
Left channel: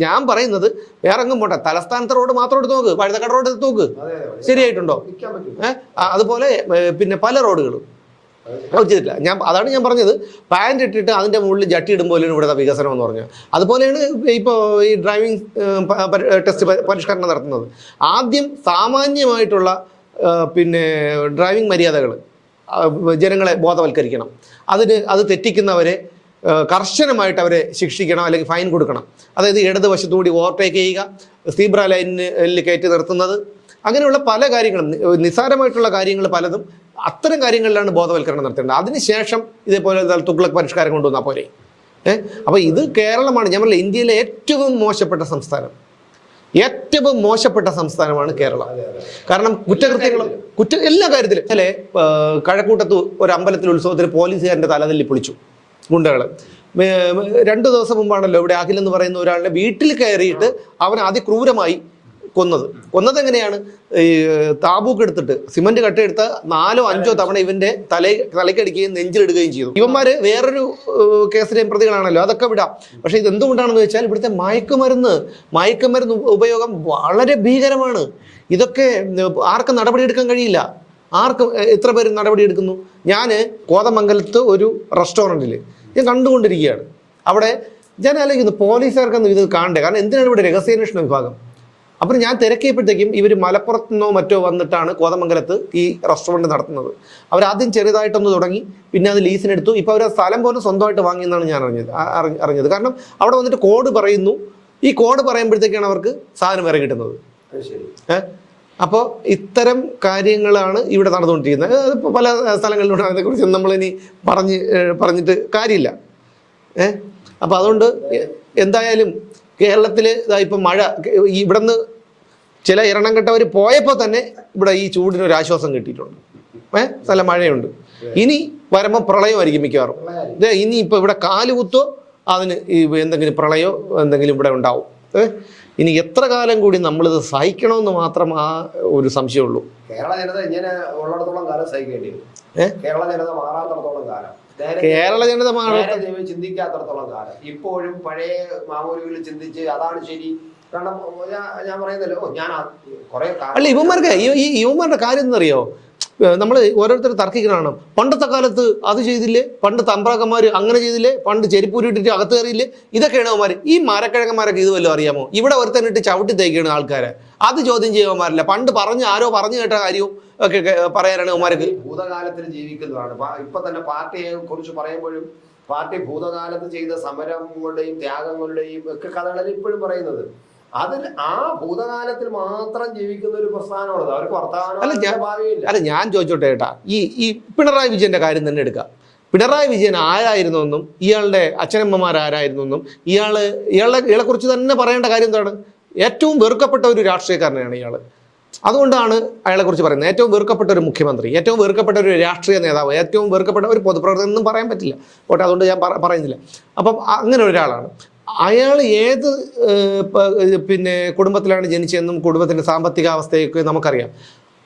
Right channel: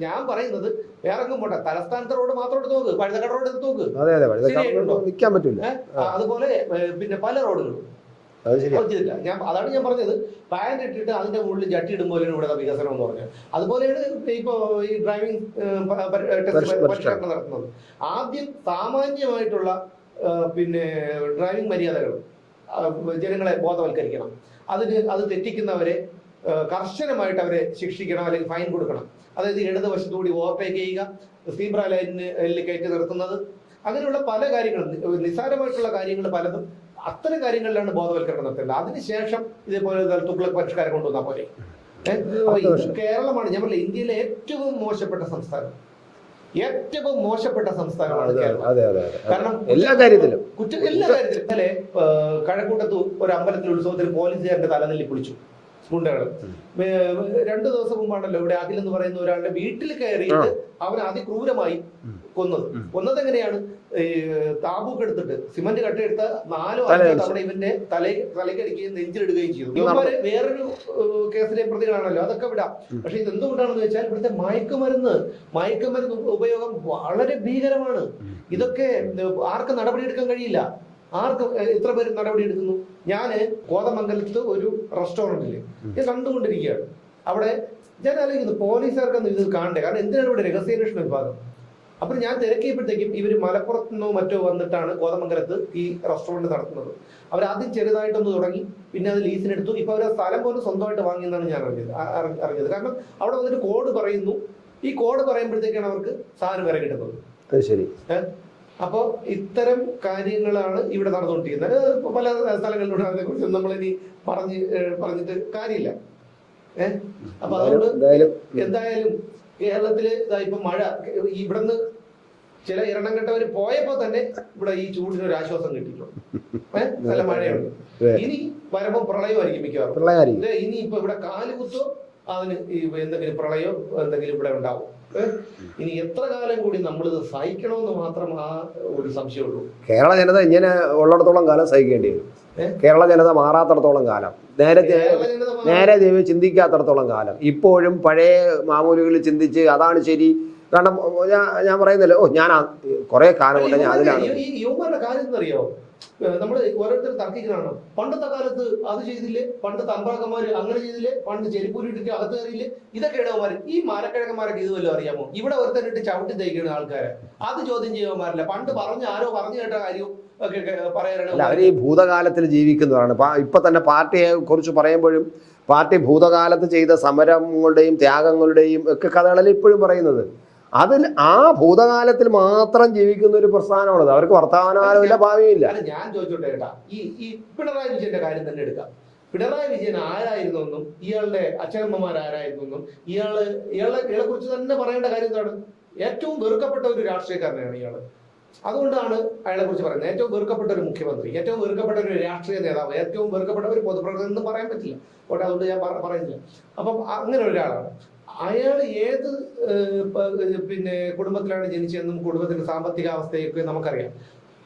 ഞാൻ പറയുന്നത്. വേറെ എങ്ങും പോട്ടെ തലസ്ഥാനത്ത് റോഡ് മാത്രം എടുത്ത് നോക്ക് പഴുതക്കട റോഡ് എടുത്ത് നോക്ക്. ശരിയായിട്ടുണ്ടോ? അതുപോലെ പിന്നെ പല റോഡുകളും. ഞാൻ അതാണ് ഞാൻ പറഞ്ഞത്. പാന്റ് ഇട്ടിട്ട് അതിന്റെ മുകളിൽ ജട്ടി ഇടുമ്പോൾ ഇവിടെ ഇവിടുത്തെ വികസനം എന്ന് പറഞ്ഞു അതുപോലെയാണ് ഇപ്പോൾ ഈ ഡ്രൈവിംഗ് ടെസ്റ്റ് പരിഷ്കരണം നടത്തുന്നത്. ആദ്യം സാമാന്യമായിട്ടുള്ള പിന്നെ ഡ്രൈവിംഗ് മര്യാദകൾ ജനങ്ങളെ ബോധവൽക്കരിക്കണം. അതിന് അത് തെറ്റിക്കുന്നവരെ കർശനമായിട്ട് അവരെ ശിക്ഷിക്കണം അല്ലെങ്കിൽ ഫൈൻ കൊടുക്കണം. അതായത് ഇടതുവശത്തുകൂടി ഓവർടേക്ക് ചെയ്യുക സീബ്ര ലൈനിൽ കയറ്റി നിർത്തുന്നത്. അങ്ങനെയുള്ള പല കാര്യങ്ങളും നിസ്സാരമായിട്ടുള്ള കാര്യങ്ങൾ പലതും അത്തരം കാര്യങ്ങളിലാണ് ബോധവൽക്കരണം നടത്തേണ്ടത്. അതിനുശേഷം ഇതേപോലെ തുഗ്ലക് പരിഷ്കാരം കൊണ്ടുവന്നാൽ പോരെ. ഏഹ് അപ്പൊ ഇത് കേരളമാണ്. ഞാൻ പറഞ്ഞില്ല ഇന്ത്യയിലെ ഏറ്റവും മോശപ്പെട്ട സംസ്ഥാനം. ഏറ്റവും മോശപ്പെട്ട സംസ്ഥാനമാണ് കേരളം. കാരണം കുറ്റകൃത്യങ്ങളും കുറ്റ എല്ലാ കാര്യത്തിലും. അല്ലെ കഴക്കൂട്ടത്ത് ഒരു അമ്പലത്തിൽ ഉത്സവത്തിന് പോലീസുകാരന്റെ തലതല്ലി പൊളിച്ചു ഗുണ്ടകൾ രണ്ടു ദിവസം മുമ്പാണല്ലോ ഇവിടെ അഖിൽ എന്ന് പറയുന്ന ഒരാളുടെ വീട്ടിൽ കയറിയിട്ട് അവൻ അതിക്രൂരമായി കൊന്നത്. കൊന്നത് എങ്ങനെയാണ് ഈ താബൂക്ക് എടുത്തിട്ട് സിമന്റ് കട്ടയെടുത്ത് നാലോ അഞ്ചോ തവണ ഇവന്റെ തല തലക്കടിക്കുകയും നെഞ്ചിലിടുകയും ചെയ്തു. ഇവന്മാര് വേറൊരു കേസിലെയും പ്രതികളാണല്ലോ. അതൊക്കെ വിടാം. പക്ഷെ ഇത് എന്തുകൊണ്ടാണെന്ന് വെച്ചാൽ ഇവിടുത്തെ മയക്കുമരുന്ന് മയക്കുമരുന്ന് ഉപയോഗം വളരെ ഭീകരമാണ്. ഇതൊക്കെ ആർക്കും നടപടിയെടുക്കാൻ കഴിയില്ല. ആർക്കും എത്ര പേര് നടപടിയെടുക്കുന്നു? ഞാൻ കോതമംഗലത്ത് ഒരു റെസ്റ്റോറന്റിൽ ഞാൻ കണ്ടുകൊണ്ടിരിക്കുകയാണ്. അവിടെ ഞാൻ ആലോചിക്കുന്നു പോലീസുകാർക്കൊന്നും ഇത് കാണണ്ടേ? കാരണം എന്തിനാണ് ഇവിടെ രഹസ്യാന്വേഷണ വിഭാഗം? അപ്പം ഞാൻ തിരക്കിയപ്പോഴത്തേക്കും ഇവർ മലപ്പുറത്തു നിന്നോ മറ്റോ വന്നിട്ടാണ് കോതമംഗലത്ത് ഈ റെസ്റ്റോറന്റ് നടത്തുന്നത്. അവർ ആദ്യം ചെറുതായിട്ടൊന്ന് തുടങ്ങി പിന്നെ അത് ലീസിനെടുത്തു ഇപ്പോൾ അവർ ആ സ്ഥലം പോലും സ്വന്തമായിട്ട് വാങ്ങിയെന്നാണ് ഞാൻ അറിഞ്ഞത്. അറിഞ്ഞത്. കാരണം അവിടെ വന്നിട്ട് കോഡ് പറയുന്നു. ഈ കോഡ് പറയുമ്പോഴത്തേക്കാണ് അവർക്ക് സാധനം വരെ കിട്ടുന്നത്. ശരി. അപ്പോൾ ഇത്തരം കാര്യങ്ങളാണ് ഇവിടെ നടന്നുകൊണ്ടിരിക്കുന്നത്. പല സ്ഥലങ്ങളിലൂടെ അതിനെക്കുറിച്ച് നമ്മളിനി പറഞ്ഞ് പറഞ്ഞിട്ട് കാര്യമില്ല. ഏഹ് അപ്പോൾ അതുകൊണ്ട് എന്തായാലും കേരളത്തിൽ ഇപ്പം മഴ ഇവിടുന്ന് ചില ഇരണം കെട്ടവർ പോയപ്പോൾ തന്നെ ഇവിടെ ഈ ചൂടിന് ഒരു ആശ്വാസം കിട്ടിയിട്ടുണ്ട്. ഏഹ് നല്ല മഴയുണ്ട്. ഇനി വരുമ്പോൾ പ്രളയമായിരിക്കും മിക്കവാറും. ഇനി ഇപ്പൊ ഇവിടെ കാലുകുത്തോ അതിന് എന്തെങ്കിലും പ്രളയോ എന്തെങ്കിലും ഇവിടെ ഉണ്ടാവും? ഇനി എത്ര കാലം കൂടി നമ്മളിത് സഹിക്കണമെന്ന് മാത്രം ആ ഒരു സംശയമുള്ളൂ. കേരള ജനത ഇങ്ങനെ ഉള്ളിടത്തോളം കാലം സഹിക്കേണ്ടി വരും. കേരള ജനത മാറാത്തടത്തോളം കാലം. നേരെ കേരള ജനത നേരെ ദൈവം ചിന്തിക്കാത്തടത്തോളം കാലം. ഇപ്പോഴും പഴയ മാമൂലികൾ ചിന്തിച്ച് അതാണ് ശരി. കാരണം ഞാൻ പറയുന്നില്ല. ഓ ഞാൻ കുറെ കാലം ഇവന്മാർക്ക് ഈ- യുവന്മാരുടെ കാര്യം എന്നറിയോ? നമ്മൾ ഓരോരുത്തർ തർക്കിക്കണതാണ് പണ്ടത്തെ കാലത്ത് അത് ചെയ്തില്ലേ? പണ്ട് തമ്പ്രാക്കന്മാർ അങ്ങനെ ചെയ്തില്ലേ? പണ്ട് ചെരിപ്പൂരിട്ടിട്ട് അകത്ത് കയറിയില്ലേ? ഇതൊക്കെയാണ് അവന്മാർ ഈ മരക്കിഴക്കന്മാരൊക്കെ ഇത് വല്ലതും അറിയാമോ? ഇവിടെ ഒരുത്തനിട്ട് ചവിട്ടി തേക്കാണ് ആൾക്കാരെ. അത് ചോദ്യം ചെയ്യുവന്മാരില്ല പണ്ട് പറഞ്ഞ് ആരോ പറഞ്ഞു കേട്ട കാര്യവും ഒക്കെ പറയാനാണ് ഈ ഭൂതകാലത്തിൽ ജീവിക്കുന്നതാണ്. ഇപ്പൊ തന്നെ പാർട്ടിയെ കുറിച്ച് പറയുമ്പോഴും പാർട്ടി ഭൂതകാലത്ത് ചെയ്ത സമരങ്ങളുടെയും ത്യാഗങ്ങളുടെയും ഒക്കെ കഥകളിൽ ഇപ്പോഴും പറയുന്നത്? അതിൽ ആ ഭൂതകാലത്തിൽ മാത്രം ജീവിക്കുന്ന ഒരു പ്രസ്ഥാനമാണത്. അവർക്ക് വർത്തമാനം ഭാവിയില്ല. അല്ല ഞാൻ ചോദിച്ചോട്ടെ ഏട്ടാ. ഈ ഈ പിണറായി വിജയന്റെ കാര്യം തന്നെ എടുക്കാം. പിണറായി വിജയൻ ആരായിരുന്നു എന്നും ഇയാളുടെ അച്ഛനമ്മമാർ ആരായിരുന്നു എന്നും ഇയാൾ ഇയാളെ ഇയാളെ കുറിച്ച് തന്നെ പറയേണ്ട കാര്യം എന്താണ്? ഏറ്റവും വെറുക്കപ്പെട്ട ഒരു രാഷ്ട്രീയക്കാരനാണ് ഇയാൾ. അതുകൊണ്ടാണ് അയാളെ കുറിച്ച് പറയുന്നത്. ഏറ്റവും വെറുക്കപ്പെട്ട ഒരു മുഖ്യമന്ത്രി ഏറ്റവും വെറുക്കപ്പെട്ട ഒരു രാഷ്ട്രീയ നേതാവ് ഏറ്റവും വെറുക്കപ്പെട്ട ഒരു പൊതുപ്രവർത്തകൻ എന്നും പറയാൻ പറ്റില്ല. ഓട്ടെ അതുകൊണ്ട് ഞാൻ പറയുന്നില്ല. അപ്പം അങ്ങനെ ഒരാളാണ് അയാൾ ഏത് പിന്നെ കുടുംബത്തിലാണ് ജനിച്ചതെന്നും കുടുംബത്തിന്റെ സാമ്പത്തിക അവസ്ഥയൊക്കെ നമുക്കറിയാം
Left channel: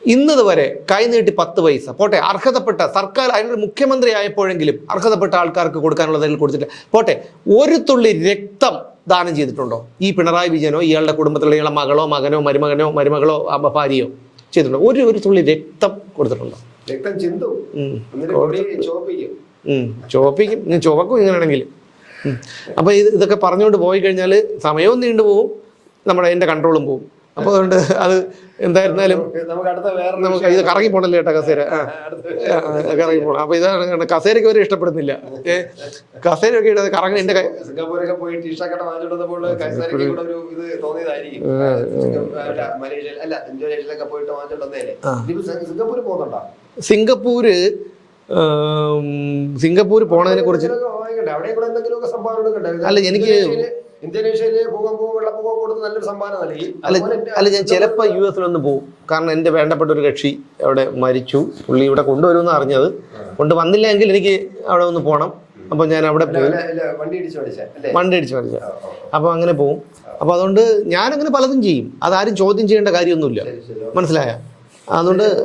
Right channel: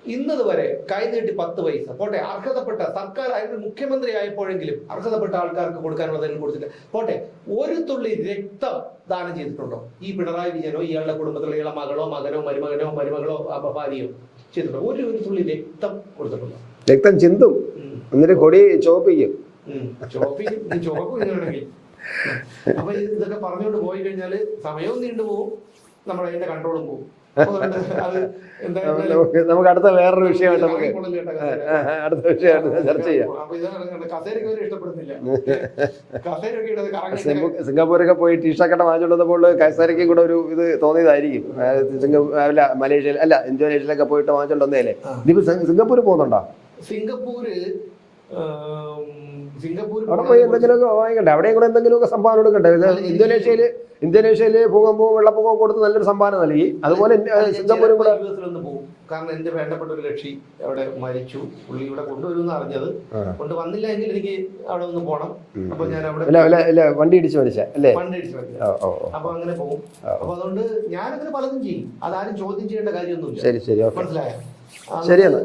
ഇന്നതുവരെ കൈനീട്ടി പത്ത് പൈസ. പോട്ടെ അർഹതപ്പെട്ട സർക്കാർ അതിനൊരു മുഖ്യമന്ത്രി ആയപ്പോഴെങ്കിലും അർഹതപ്പെട്ട ആൾക്കാർക്ക് കൊടുക്കാനുള്ളതിൽ കൊടുത്തിട്ടില്ല. പോട്ടെ ഒരു തുള്ളി രക്തം ദാനം ചെയ്തിട്ടുണ്ടോ? ഈ പിണറായി വിജയനോ ഇയാളുടെ കുടുംബത്തിലുള്ള ഇയാളുടെ മകളോ മകനോ മരുമകനോ മരുമകളോ ഭാര്യയോ ചെയ്തിട്ടുണ്ടോ? ഒരു ഒരു തുള്ളി രക്തം കൊടുത്തിട്ടുണ്ടോ? രക്തം ചിന്തും. എന്നിട്ട് കൊടി ചോപ്പിക്കും. ചോപ്പിക്കും. ചുവക്കും ഇങ്ങനെയാണെങ്കിൽ. ഉം. അപ്പൊ ഇത് ഇതൊക്കെ പറഞ്ഞുകൊണ്ട് പോയി കഴിഞ്ഞാൽ സമയവും നീണ്ടു പോവും. നമ്മുടെ അതിന്റെ കൺട്രോളും പോവും. അപ്പോൾ അതുകൊണ്ട് അത് എന്തായിരുന്നാലും നമുക്ക് അടുത്ത വേറൊരു ഇത് കറങ്ങി പോണല്ലേ കേട്ടോ കസേര? കറങ്ങി അപ്പൊ ഇതാണ് കസേരയ്ക്ക് വരെ ഇഷ്ടപ്പെടുന്നില്ല. കസേരയൊക്കെ ഇട്ടത് കറങ്ങി എന്റെ സിംഗപ്പൂരൊക്കെ പോയി ടീഷർട്ടൊക്കെ വാങ്ങിച്ചുകൊണ്ടപ്പോൾ കസേരയ്ക്ക് കൂടെ ഒരു ഇത് തോന്നിയതായിരിക്കും. അല്ല മലേഷ്യയിൽ അല്ല ഇന്തോനേഷ്യയിലൊക്കെ പോയിട്ട് വാങ്ങിച്ചോണ്ടേ ഇതിപ്പോ സിംഗപ്പൂർ പോകുന്നുണ്ടോ? സിംഗപ്പൂര് ഉം, സിംഗപ്പൂര് പോണതിനെ കുറിച്ച് അവിടെ എന്തെങ്കിലുമൊക്കെ സംഭാവന കൊടുക്കണ്ടേ അല്ല, എനിക്ക് ഇന്തോനേഷ്യയിൽ ഇന്തോനേഷ്യയിൽ ഭൂകമ്പവും വെള്ളപ്പൊക്കവും കൊടുത്ത് നല്ലൊരു സംഭാവന നൽകി. അല്ല ഞാൻ ചിലപ്പോൾ സിംഗപ്പൂർ യു എസിലൊന്ന് പോകും. കാരണം എന്റെ വേണ്ടപ്പെട്ട ഒരു കക്ഷി അവിടെ മരിച്ചു. പുള്ളി ഇവിടെ കൊണ്ടുവരുമെന്ന് അറിഞ്ഞത്. കൊണ്ട് വന്നില്ല എങ്കിൽ എനിക്ക് അവിടെ ഒന്ന് പോകണം അപ്പൊ ഞാൻ അവിടെ വണ്ടി അടിച്ചു മരിച്ച. അപ്പൊ അങ്ങനെ പോകും. അപ്പൊ അതുകൊണ്ട് ഞാൻ അങ്ങനെ പലതും ചെയ്യും. അതാരും ചോദ്യം ചെയ്യേണ്ട കാര്യമൊന്നുമില്ല. മനസ്സിലായ?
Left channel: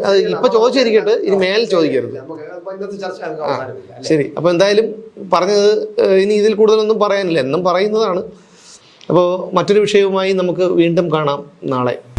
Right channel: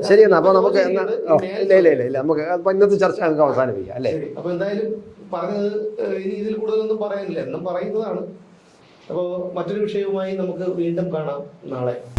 ശരി, അപ്പൊ അപ്പൊ അപ്പൊ എന്തായാലും പറഞ്ഞത് ഇനി ഇതിൽ കൂടുതലൊന്നും പറയാനില്ല. എന്നും പറയുന്നതാണ്. അപ്പോൾ മറ്റൊരു വിഷയവുമായി നമുക്ക് വീണ്ടും കാണാം നാളെ.